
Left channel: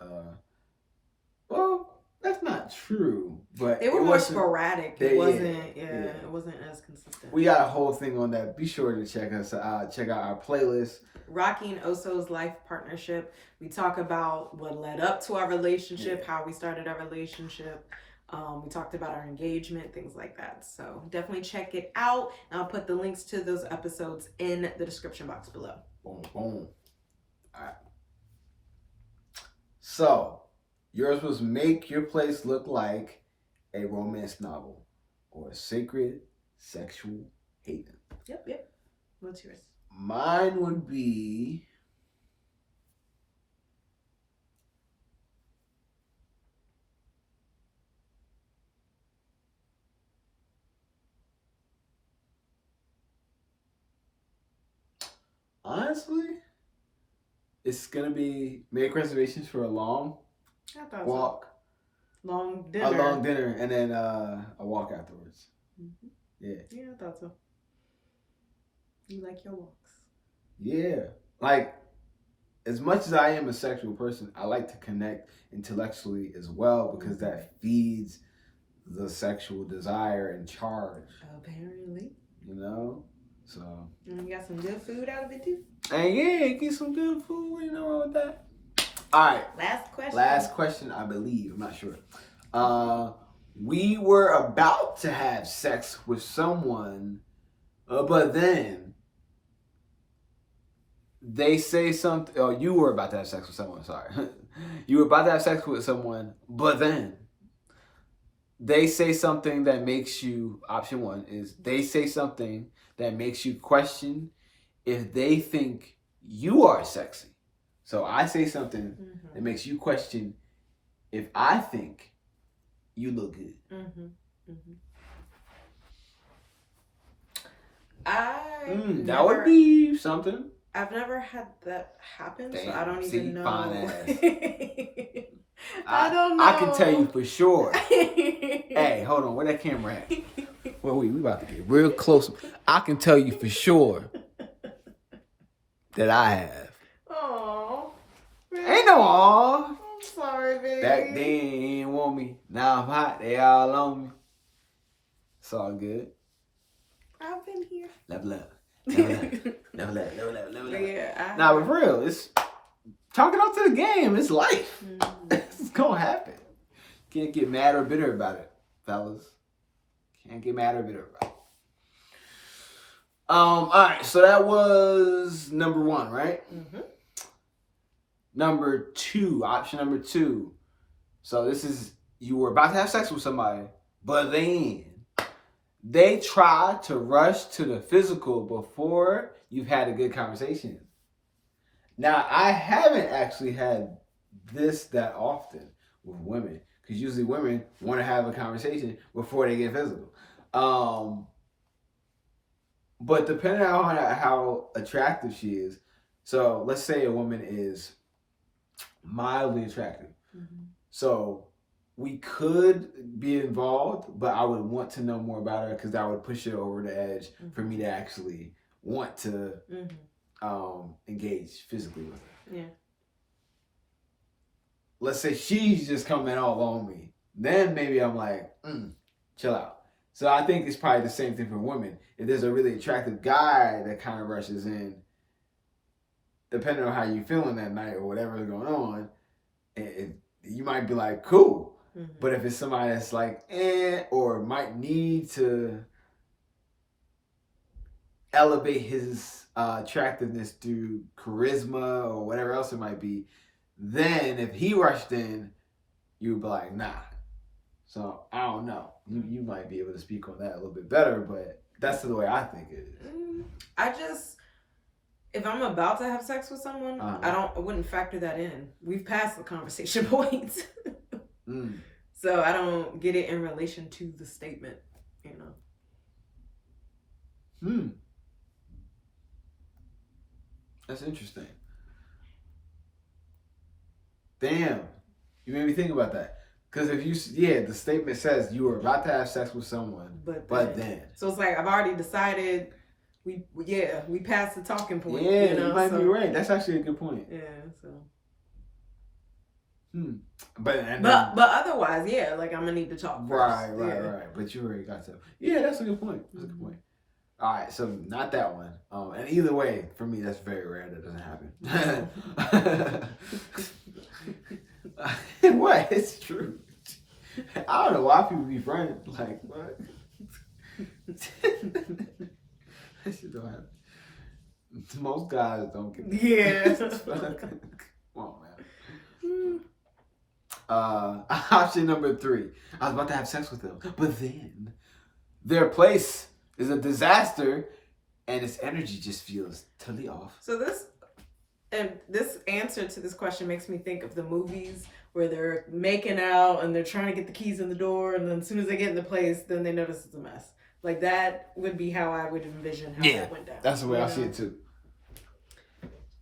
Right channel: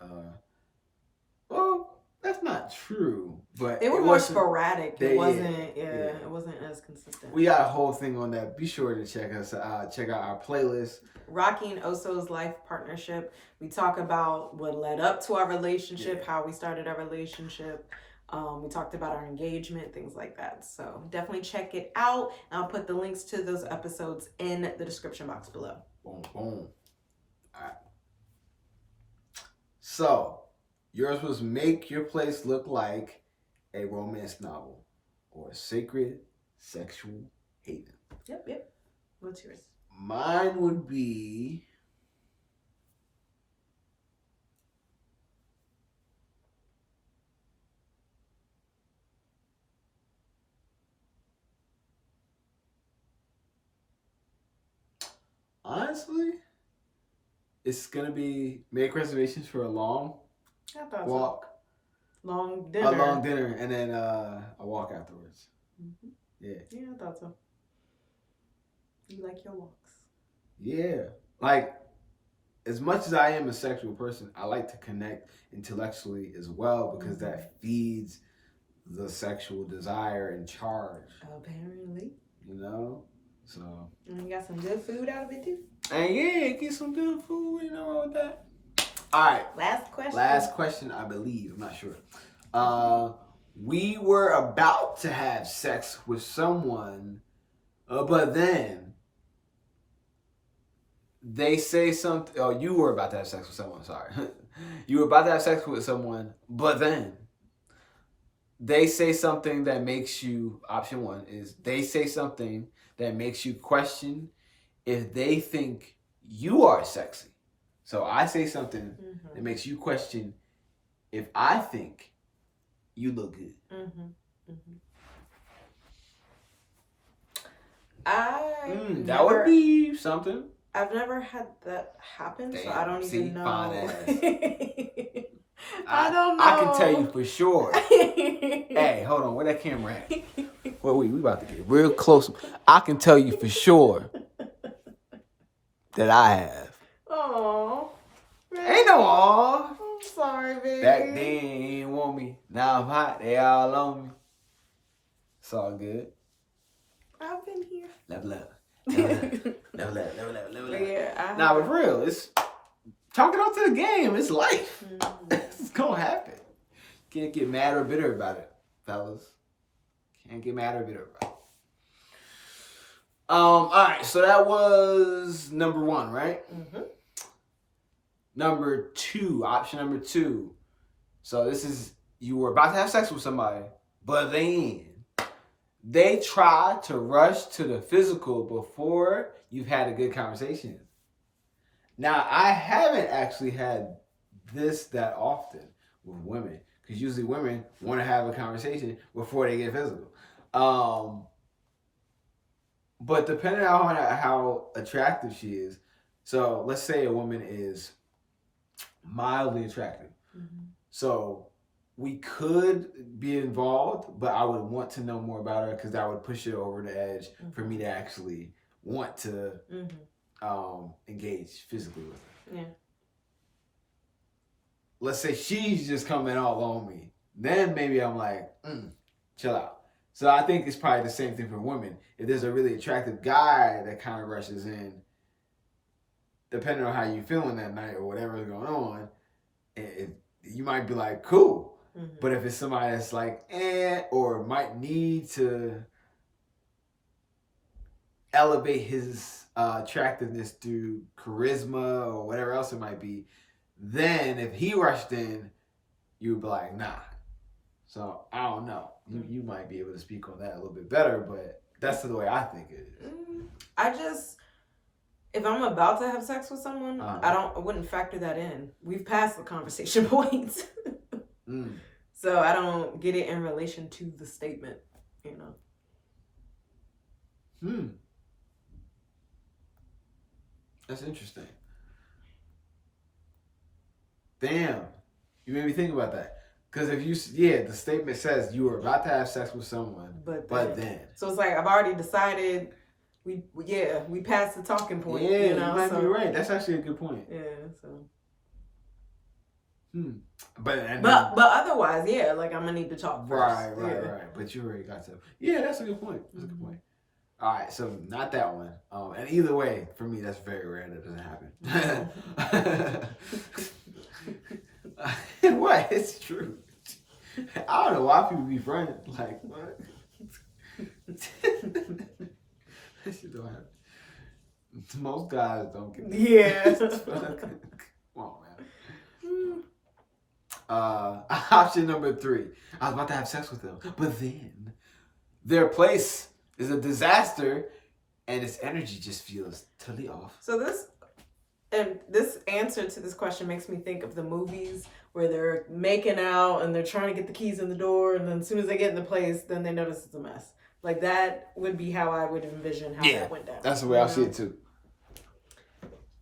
Well, that's not true, but they were more sporadic. It wasn't as consistent. We got a whole thing on that. Be sure to check us out. Check out our playlist. Rocky and Oso's life partnership. We talk about what led up to our relationship, how we started our relationship, We talked about our engagement, things like that. So definitely check it out. And I'll put the links to those episodes in the description box below. Boom, boom. All right. So, yours was make your place look like a romance novel or a sacred sexual haven. Yep. What's yours? Mine would be honestly, it's gonna be make reservations for a long walk, long dinner, a long dinner, and then a walk afterwards. Mm-hmm. Yeah, I thought so. You like your walks? Yeah, like as much as I am a sexual person, I like to connect intellectually as well because that feeds the sexual desire and charge. Apparently. You know? So. And you got some good food out of it too? And yeah, get some good food. You know wrong with that? All right. Last question, I believe. I'm not sure. We were about to have sex with someone, but then they say something. Oh, you were about to have sex with someone. Sorry. You were about to have sex with someone, but then they say something that makes you, option one is they say something that makes you question if they think you are sexy. So I say something that makes you question if I think you look good. That would be something. I've never had that happen, damn, so I don't even know. Fine ass. I don't know. I can tell you for sure. Hey, hold on. Where that camera at? Well, we about to get real close. I can tell you for sure that I have. Oh, ain't no aw. I'm sorry, baby. Back then, he ain't want me. Now I'm hot. They all on me. It's all good. I've been here. Level up. Yeah, nah, but for real, it's chalk it up to the game. It's life. It's gonna happen. Can't get mad or bitter about it, fellas. Can't get mad or bitter about it. All right, so that was number one, right? Number two, option number two. So this is, you were about to have sex with somebody, but then they try to rush to the physical before you've had a good conversation. Now, I haven't actually had this that often with women, because usually women want to have a conversation before they get physical. But depending on how attractive she is, so let's say a woman is mildly attractive. So we could be involved, but I would want to know more about her because that would push it over the edge for me to actually want to engage physically with her. Yeah. Let's say she's just coming all on me. Then maybe I'm like, chill out. So I think it's probably the same thing for women. If there's a really attractive guy that kind of rushes in, depending on how you're feeling that night or whatever is going on, you might be like, cool. But if it's somebody that's like, or might need to elevate his attractiveness through charisma or whatever else it might be, then if he rushed in, you would be like, nah. So I don't know. You might be able to speak on that a little bit better, but that's the way I think it is. If I'm about to have sex with someone, I wouldn't factor that in. We've passed the conversation points. So I don't get it in relation to the statement, you know. That's interesting. Damn. You made me think about that. Because if the statement says you were about to have sex with someone, but then. So it's like, I've already decided, we passed the talking point. Yeah, you know? You might be right. That's actually a good point. Yeah, so. But otherwise, yeah, like I'm gonna need to talk first. Right. But you already got to. Yeah, that's a good point. That's a good point. All right, so not that one. And either way, for me, that's very rare. That doesn't happen. What? It's true. I don't know why people be friends. Like, what? That shit don't happen. Most guys don't get that. Yeah. Come on, man. Option number 3. I was about to have sex with them, but then their place is a disaster and its energy just feels totally off. So this answer to this question makes me think of the movies where they're making out and they're trying to get the keys in the door, and then as soon as they get in the place, then they notice it's a mess. Like, that would be how I would envision how that went down. That's the way I see it too.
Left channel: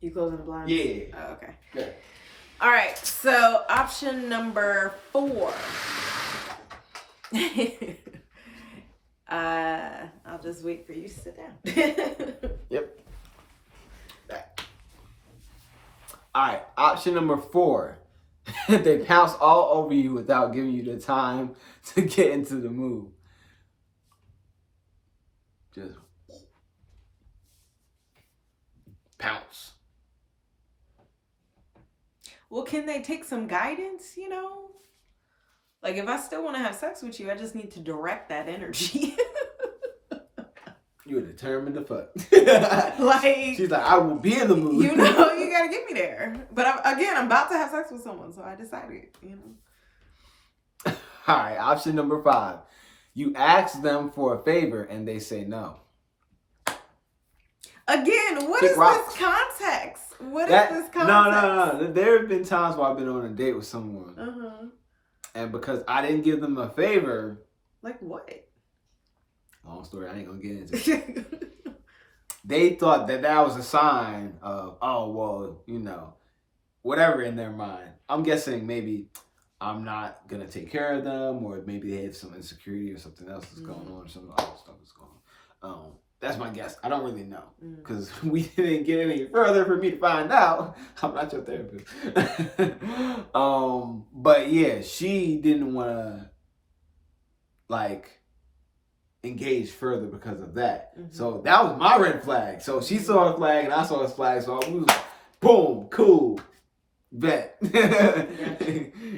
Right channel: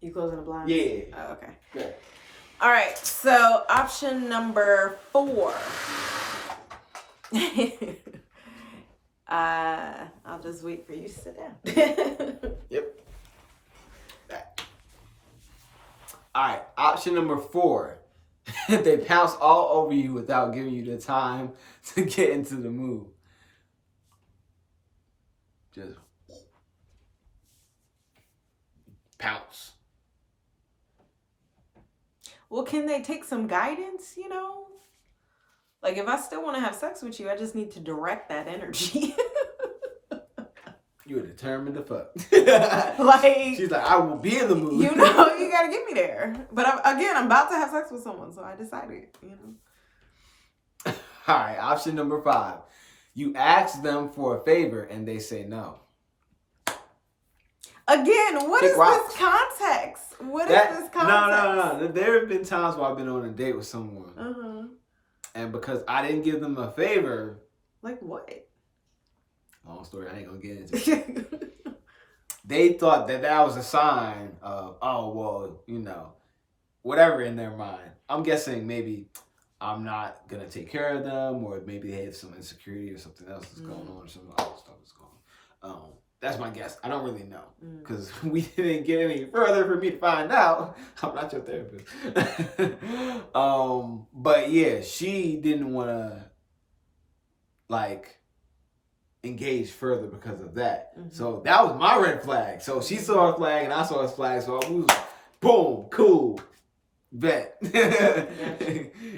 You closing the blinds? Yeah. Oh, okay. Yeah. All right. So option number 4. I'll just wait for you to sit down. Yep. All right. Option number 4. They pounce all over you without giving you the time to get into the mood. Just pounce. Well, can they take some guidance, you know? Like, if I still want to have sex with you, I just need to direct that energy. You're determined to fuck. Like, she's like, I will be in the mood. You know, you gotta get me there. But I'm about to have sex with someone, so I decided, you know. All right, option number 5. You ask them for a favor and they say no. Again, what Kick is rocks. this context? What is this context? No. There have been times where I've been on a date with someone. Uh-huh. And because I didn't give them a favor. Like what? Long story, I ain't gonna get into it. They thought that was a sign of, oh, well, you know, whatever in their mind. I'm guessing maybe I'm not gonna take care of them, or maybe they have some insecurity or something else that's going on, or some other stuff that's going on. That's my guess. I don't really know because we didn't get any further for me to find out. I'm not your therapist. But yeah, she didn't want to like engage further because of that. Mm-hmm. So that was my red flag. So she saw a flag and I saw a flag. So we was boom, cool, bet. You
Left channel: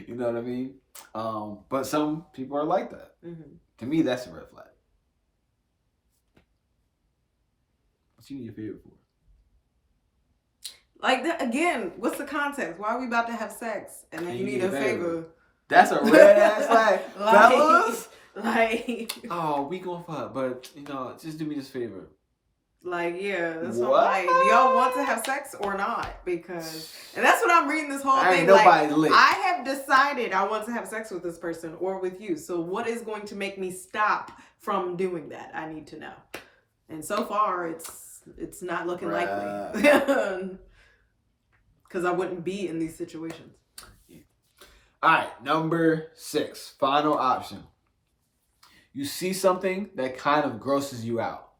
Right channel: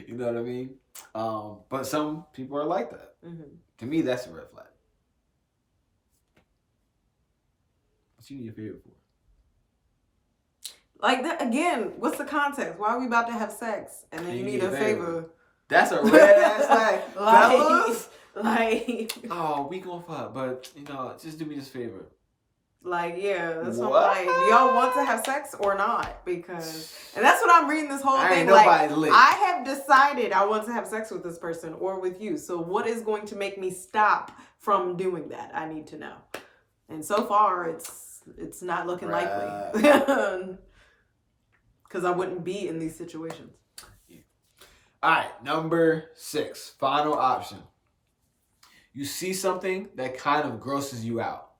know what I mean? But some people are like that. Mm-hmm. To me, that's a red flag. What you need a favor for? Like that, again, what's the context? Why are we about to have sex and then you need a favor? That's a red ass flag. Fellas? Like, oh, we gonna fuck, but you know, just do me this favor. Like, yeah, that's what I'm like. Do y'all want to have sex or not? Because, and that's what I'm reading this whole thing. Ain't nobody like, lit. I have decided I want to have sex with this person or with you. So what is going to make me stop from doing that? I need to know. And so far, it's not looking likely. Because I wouldn't be in these situations. Yeah. All right, number 6, final option. You see something that kind of grosses you out.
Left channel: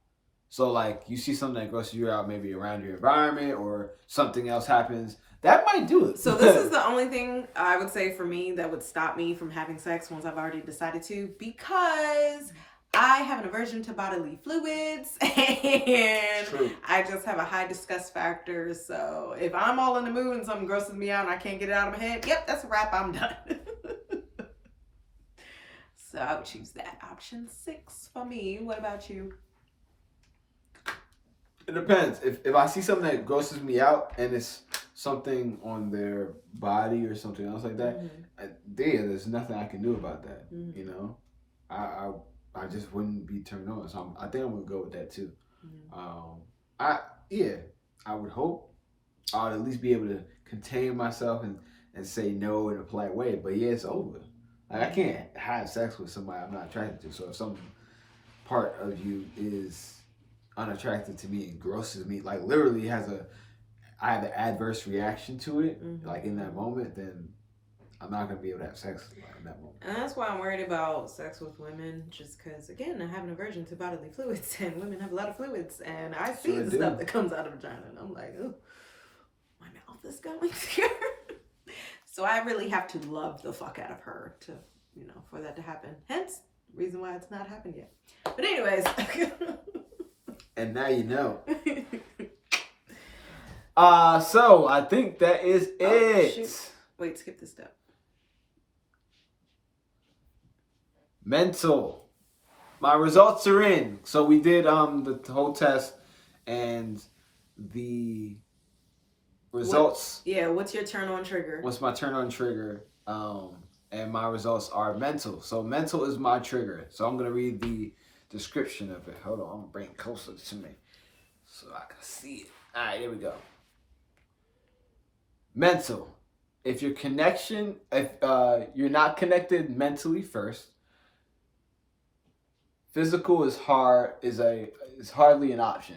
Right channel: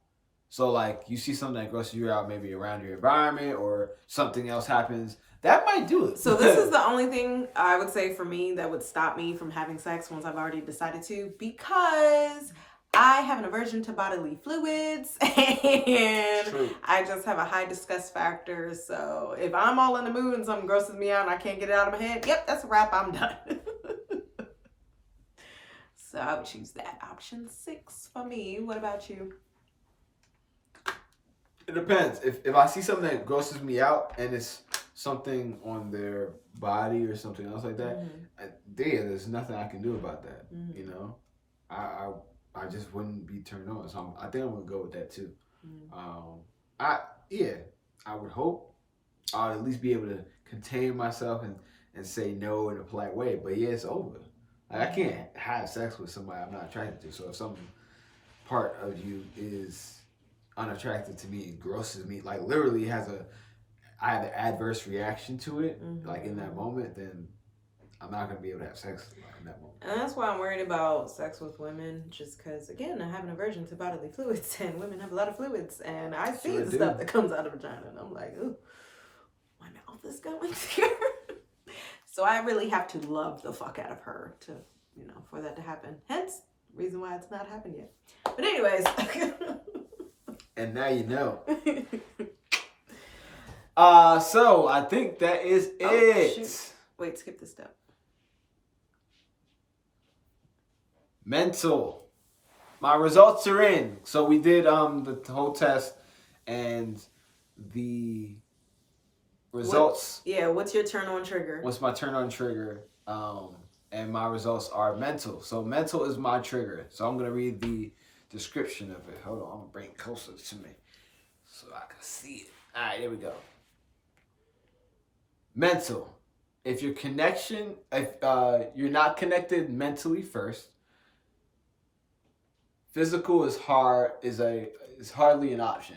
So like you see something that grosses you out maybe around your environment or something else happens. That might do it. So this is the only thing I would say for me that would stop me from having sex once I've already decided to, because I have an aversion to bodily fluids and True. I just have a high disgust factor. So if I'm all in the mood and something grosses me out and I can't get it out of my head, yep, that's a wrap. I'm done. So I would choose that. Option 6 for me. What about you? It depends. If I see something that grosses me out and it's something on their body or something else like that, there's nothing I can do about that. Mm-hmm. You know, I just wouldn't be turned on. So I think I'm gonna go with that too. Mm-hmm. I would hope I'll at least be able to contain myself and say no in a polite way. But yeah, it's over. Like, I can't have sex with somebody I'm not attracted to. So if some part of you is unattractive to me and grosses me, like literally I have an adverse reaction to it, like in that moment, then I'm not going to be able to have sex in that moment. And that's why I'm worried about sex with women, just because, again, I have an aversion to bodily fluids, and women have a lot of fluids, and I see the stuff that comes out of vagina, and I'm like, ooh, my mouth is going here. So I really have to love the fuck out of her to, for that to happen. Hence, reason why it's not happened yet. But anyways. And now you know. So I think that is it. Shit. Wait, skip this step. Mental. My results are in. So we did the whole test, and the results. What's your turn on trigger? What's my turn on trigger? And my results are mental. So mental is my trigger. So I'm gonna read the description of it. Hold on, I'm gonna bring it closer to me so I can see it. All right, here we go. Mental. If you're not connected mentally first, physical is hardly an option.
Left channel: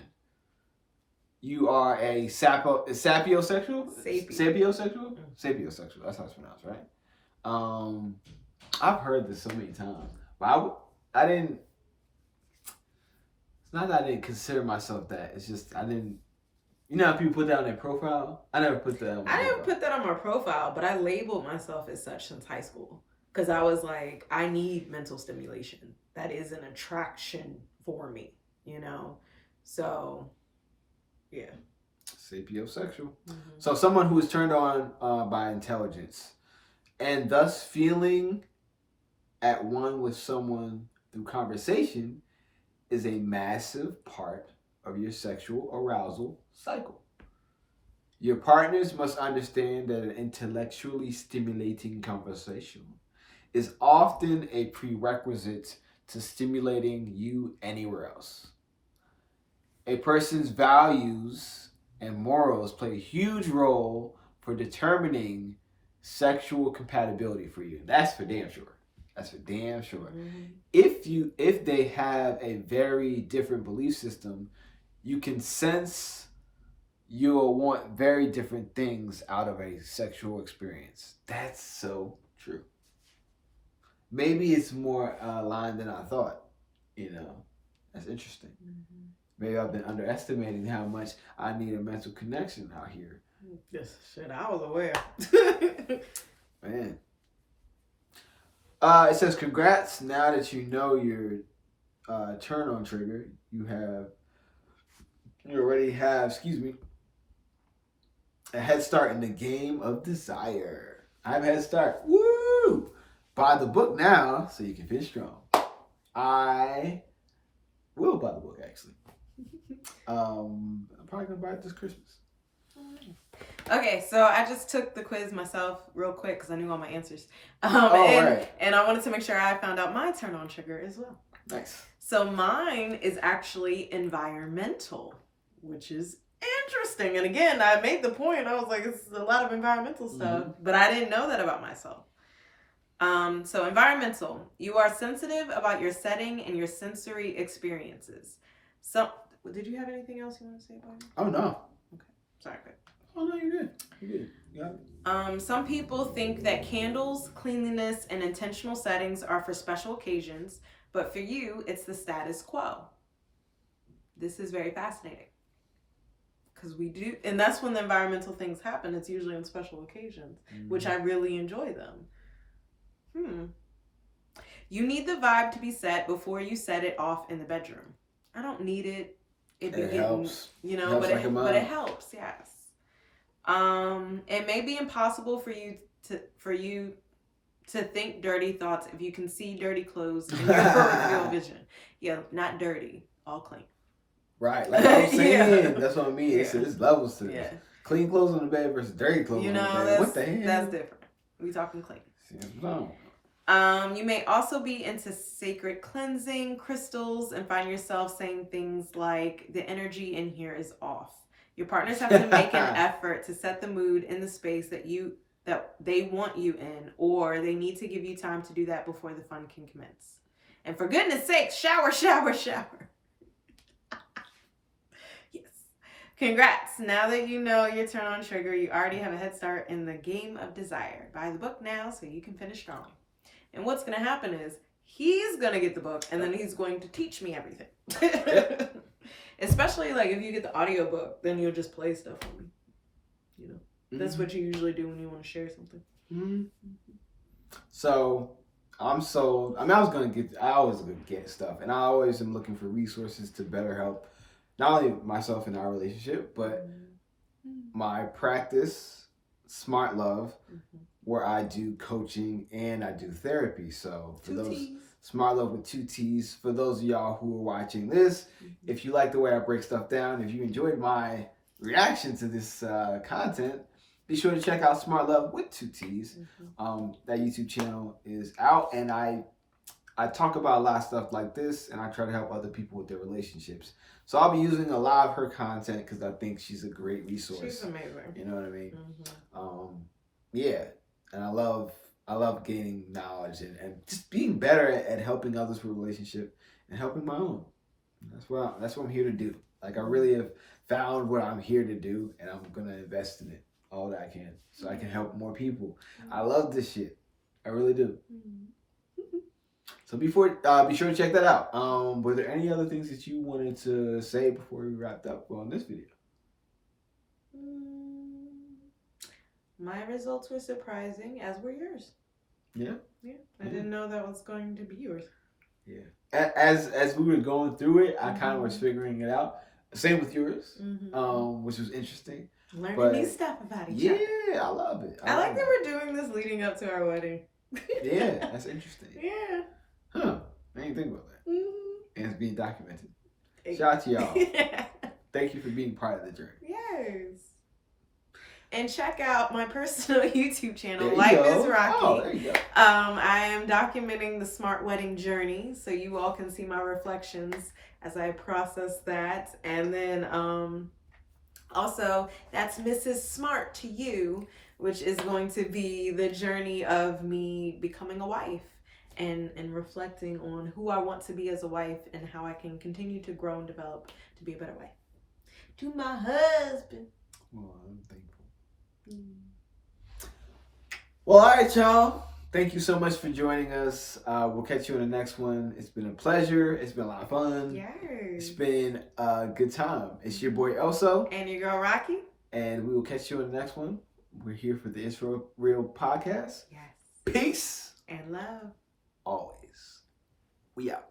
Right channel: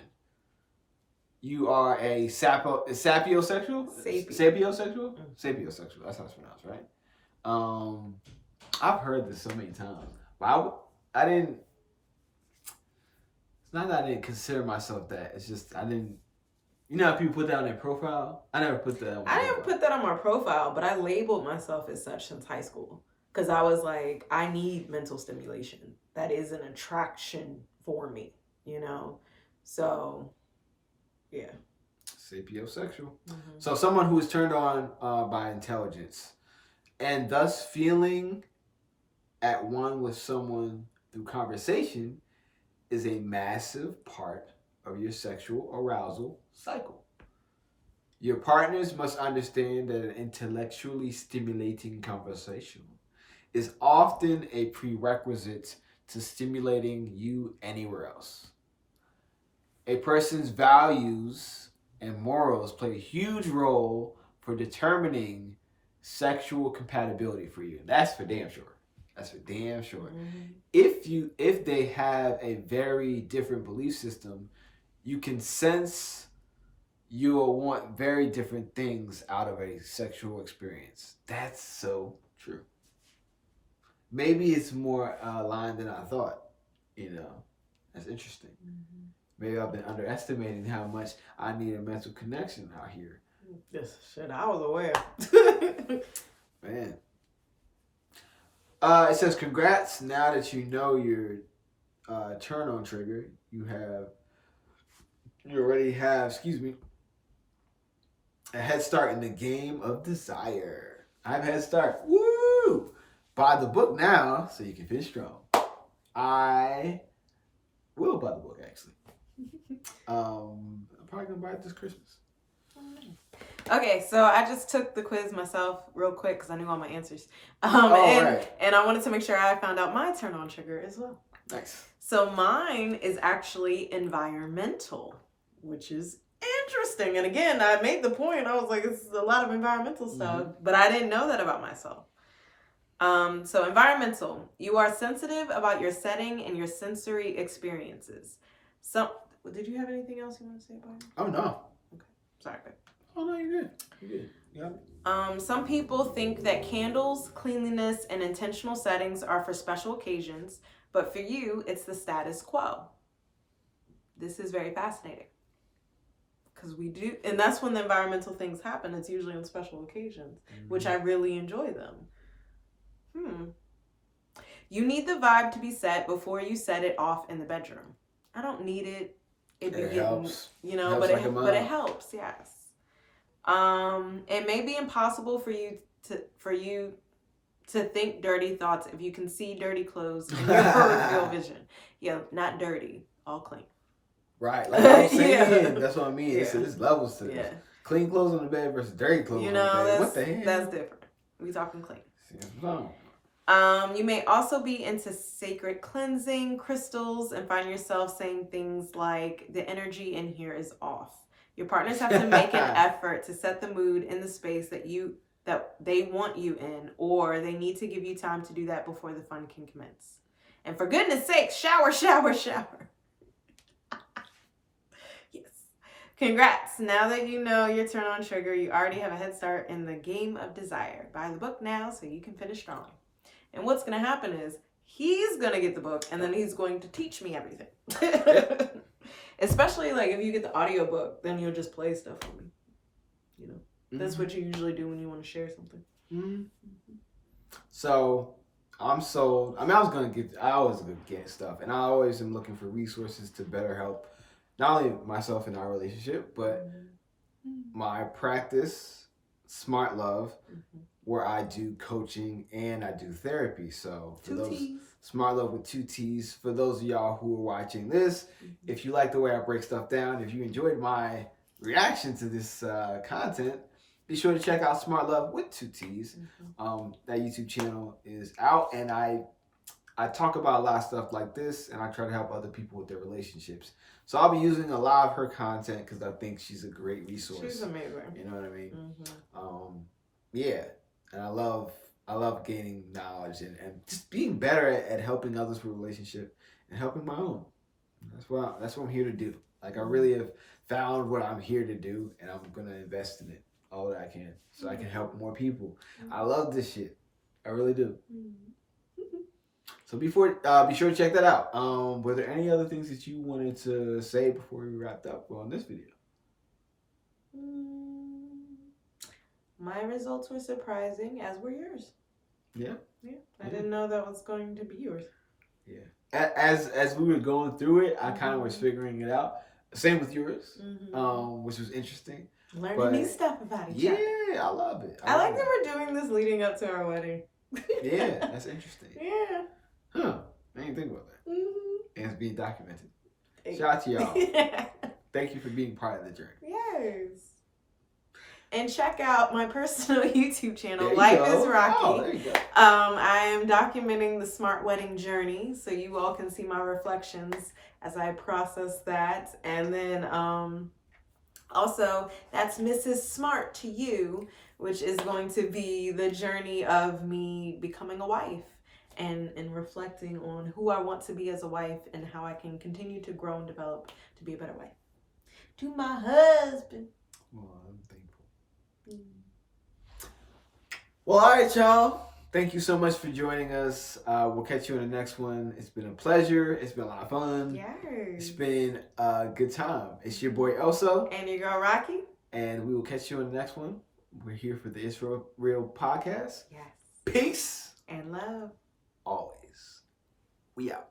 You are a sapiosexual? Sapiosexual? Sapiosexual. That's how it's pronounced, right? I've heard this so many times, but I didn't. It's not that I didn't consider myself that. It's just I didn't. You know how people put that on their profile? I never put that on my profile. I didn't put that on my profile, but I labeled myself as such since high school. Because I was like, I need mental stimulation. That is an attraction for me, you know? So, yeah. Sapiosexual. Mm-hmm. So someone who is turned on by intelligence and thus feeling at one with someone through conversation is a massive part of your sexual arousal cycle. Your partners must understand that an intellectually stimulating conversation is often a prerequisite to stimulating you anywhere else. A person's values and morals play a huge role for determining sexual compatibility for you. That's for damn sure. That's for damn sure. Mm-hmm. If they have a very different belief system, you can sense you'll want very different things out of a sexual experience. That's so true. Maybe it's more aligned than I thought. You know, that's interesting. Mm-hmm. Maybe I've been underestimating how much I need a mental connection out here. Yes, shit, I was aware. Man. It says, congrats. Now that you know your turn on trigger, you already have, a head start in the game of desire. I have a head start. Woo! Buy the book now so you can finish strong. I will buy the book, actually. I'm probably going to buy it this Christmas. Okay, so I just took the quiz myself real quick because I knew all my answers. Right. And I wanted to make sure I found out my turn on trigger as well. Nice. So mine is actually environmental, which is interesting. And again, I made the point. I was like, this is a lot of environmental stuff, but I didn't know that about myself. So environmental, you are sensitive about your setting and your sensory experiences. So, did you have anything else you want to say about it? Oh, no. Okay. Sorry, babe. Oh, no, you're good. You're good. Yeah. Some people think that candles, cleanliness, and intentional settings are for special occasions, but for you, it's the status quo. This is very fascinating. Because we do, and that's when the environmental things happen. It's usually on special occasions, which I really enjoy them. You need the vibe to be set before you set it off in the bedroom. I don't need it. It helps. You know, but it helps, yes. It may be impossible for you to think dirty thoughts if you can see dirty clothes in your peripheral vision. Yeah, not dirty, all clean. Right, like I'm saying, that's what I mean. Yeah. So there's levels to this. Yeah. Clean clothes on the bed versus dirty clothes on the bed. What the hell? That's different. We talking clean. You may also be into sacred cleansing, crystals, and find yourself saying things like, the energy in here is off. Your partners have to make an effort to set the mood in the space that they want you in, or they need to give you time to do that before the fun can commence. And for goodness sakes, shower. Yes. Congrats. Now that you know your turn on trigger, you already have a head start in the game of desire. Buy the book now so you can finish strong. And what's going to happen is he's going to get the book and then he's going to teach me everything. Yep. Especially like if you get the audiobook, then you'll just play stuff for me. You know, that's what you usually do when you want to share something. Mm-hmm. So I'm sold. I mean, I always get stuff, and I always am looking for resources to better help not only myself in our relationship, but my practice, Smartt Love, where I do coaching and I do therapy. So for Two those T's. Smartt Love with 2 T's. For those of y'all who are watching this, if you like the way I break stuff down, if you enjoyed my reaction to this content, be sure to check out Smartt Love with 2 T's. That YouTube channel is out, and I talk about a lot of stuff like this, and I try to help other people with their relationships. So I'll be using a lot of her content because I think she's a great resource. She's amazing. You know what I mean? Yeah, and I love gaining knowledge and just being better at helping others with relationship and helping my own. That's what I'm here to do. Like, I really have found what I'm here to do, and I'm gonna invest in it all that I can so I can help more people. I love this shit. I really do. So be sure to check that out. Were there any other things that you wanted to say before we wrapped up on this video? My results were surprising, as were yours. Yeah. I didn't know that was going to be yours. Yeah. As we were going through it, I kind of was figuring it out. Same with yours, which was interesting. Learning new stuff about each other. Yeah, I love it. I like that we're doing this leading up to our wedding. Yeah, that's interesting. Yeah. Huh. I didn't think about that. And it's being documented. Hey. Shout out to y'all. Thank you for being part of the journey. Yes. And check out my personal YouTube channel, There you Life go. is Rocky. Oh, there you go. I am documenting the Smartt wedding journey, so you all can see my reflections as I process that. And then also, that's Mrs. Smartt to you, which is going to be the journey of me becoming a wife and reflecting on who I want to be as a wife and how I can continue to grow and develop to be a better wife. To my husband. Well, I'm thankful. Well, all right, y'all. Thank you so much for joining us. We'll catch you in the next one. It's been a pleasure. It's been a lot of fun. Yes. It's been a good time. It's your boy Elso. And your girl Rocky. And we will catch you in the next one. We're here for the It's Real podcast. Yes. Peace. And love. Always. We out.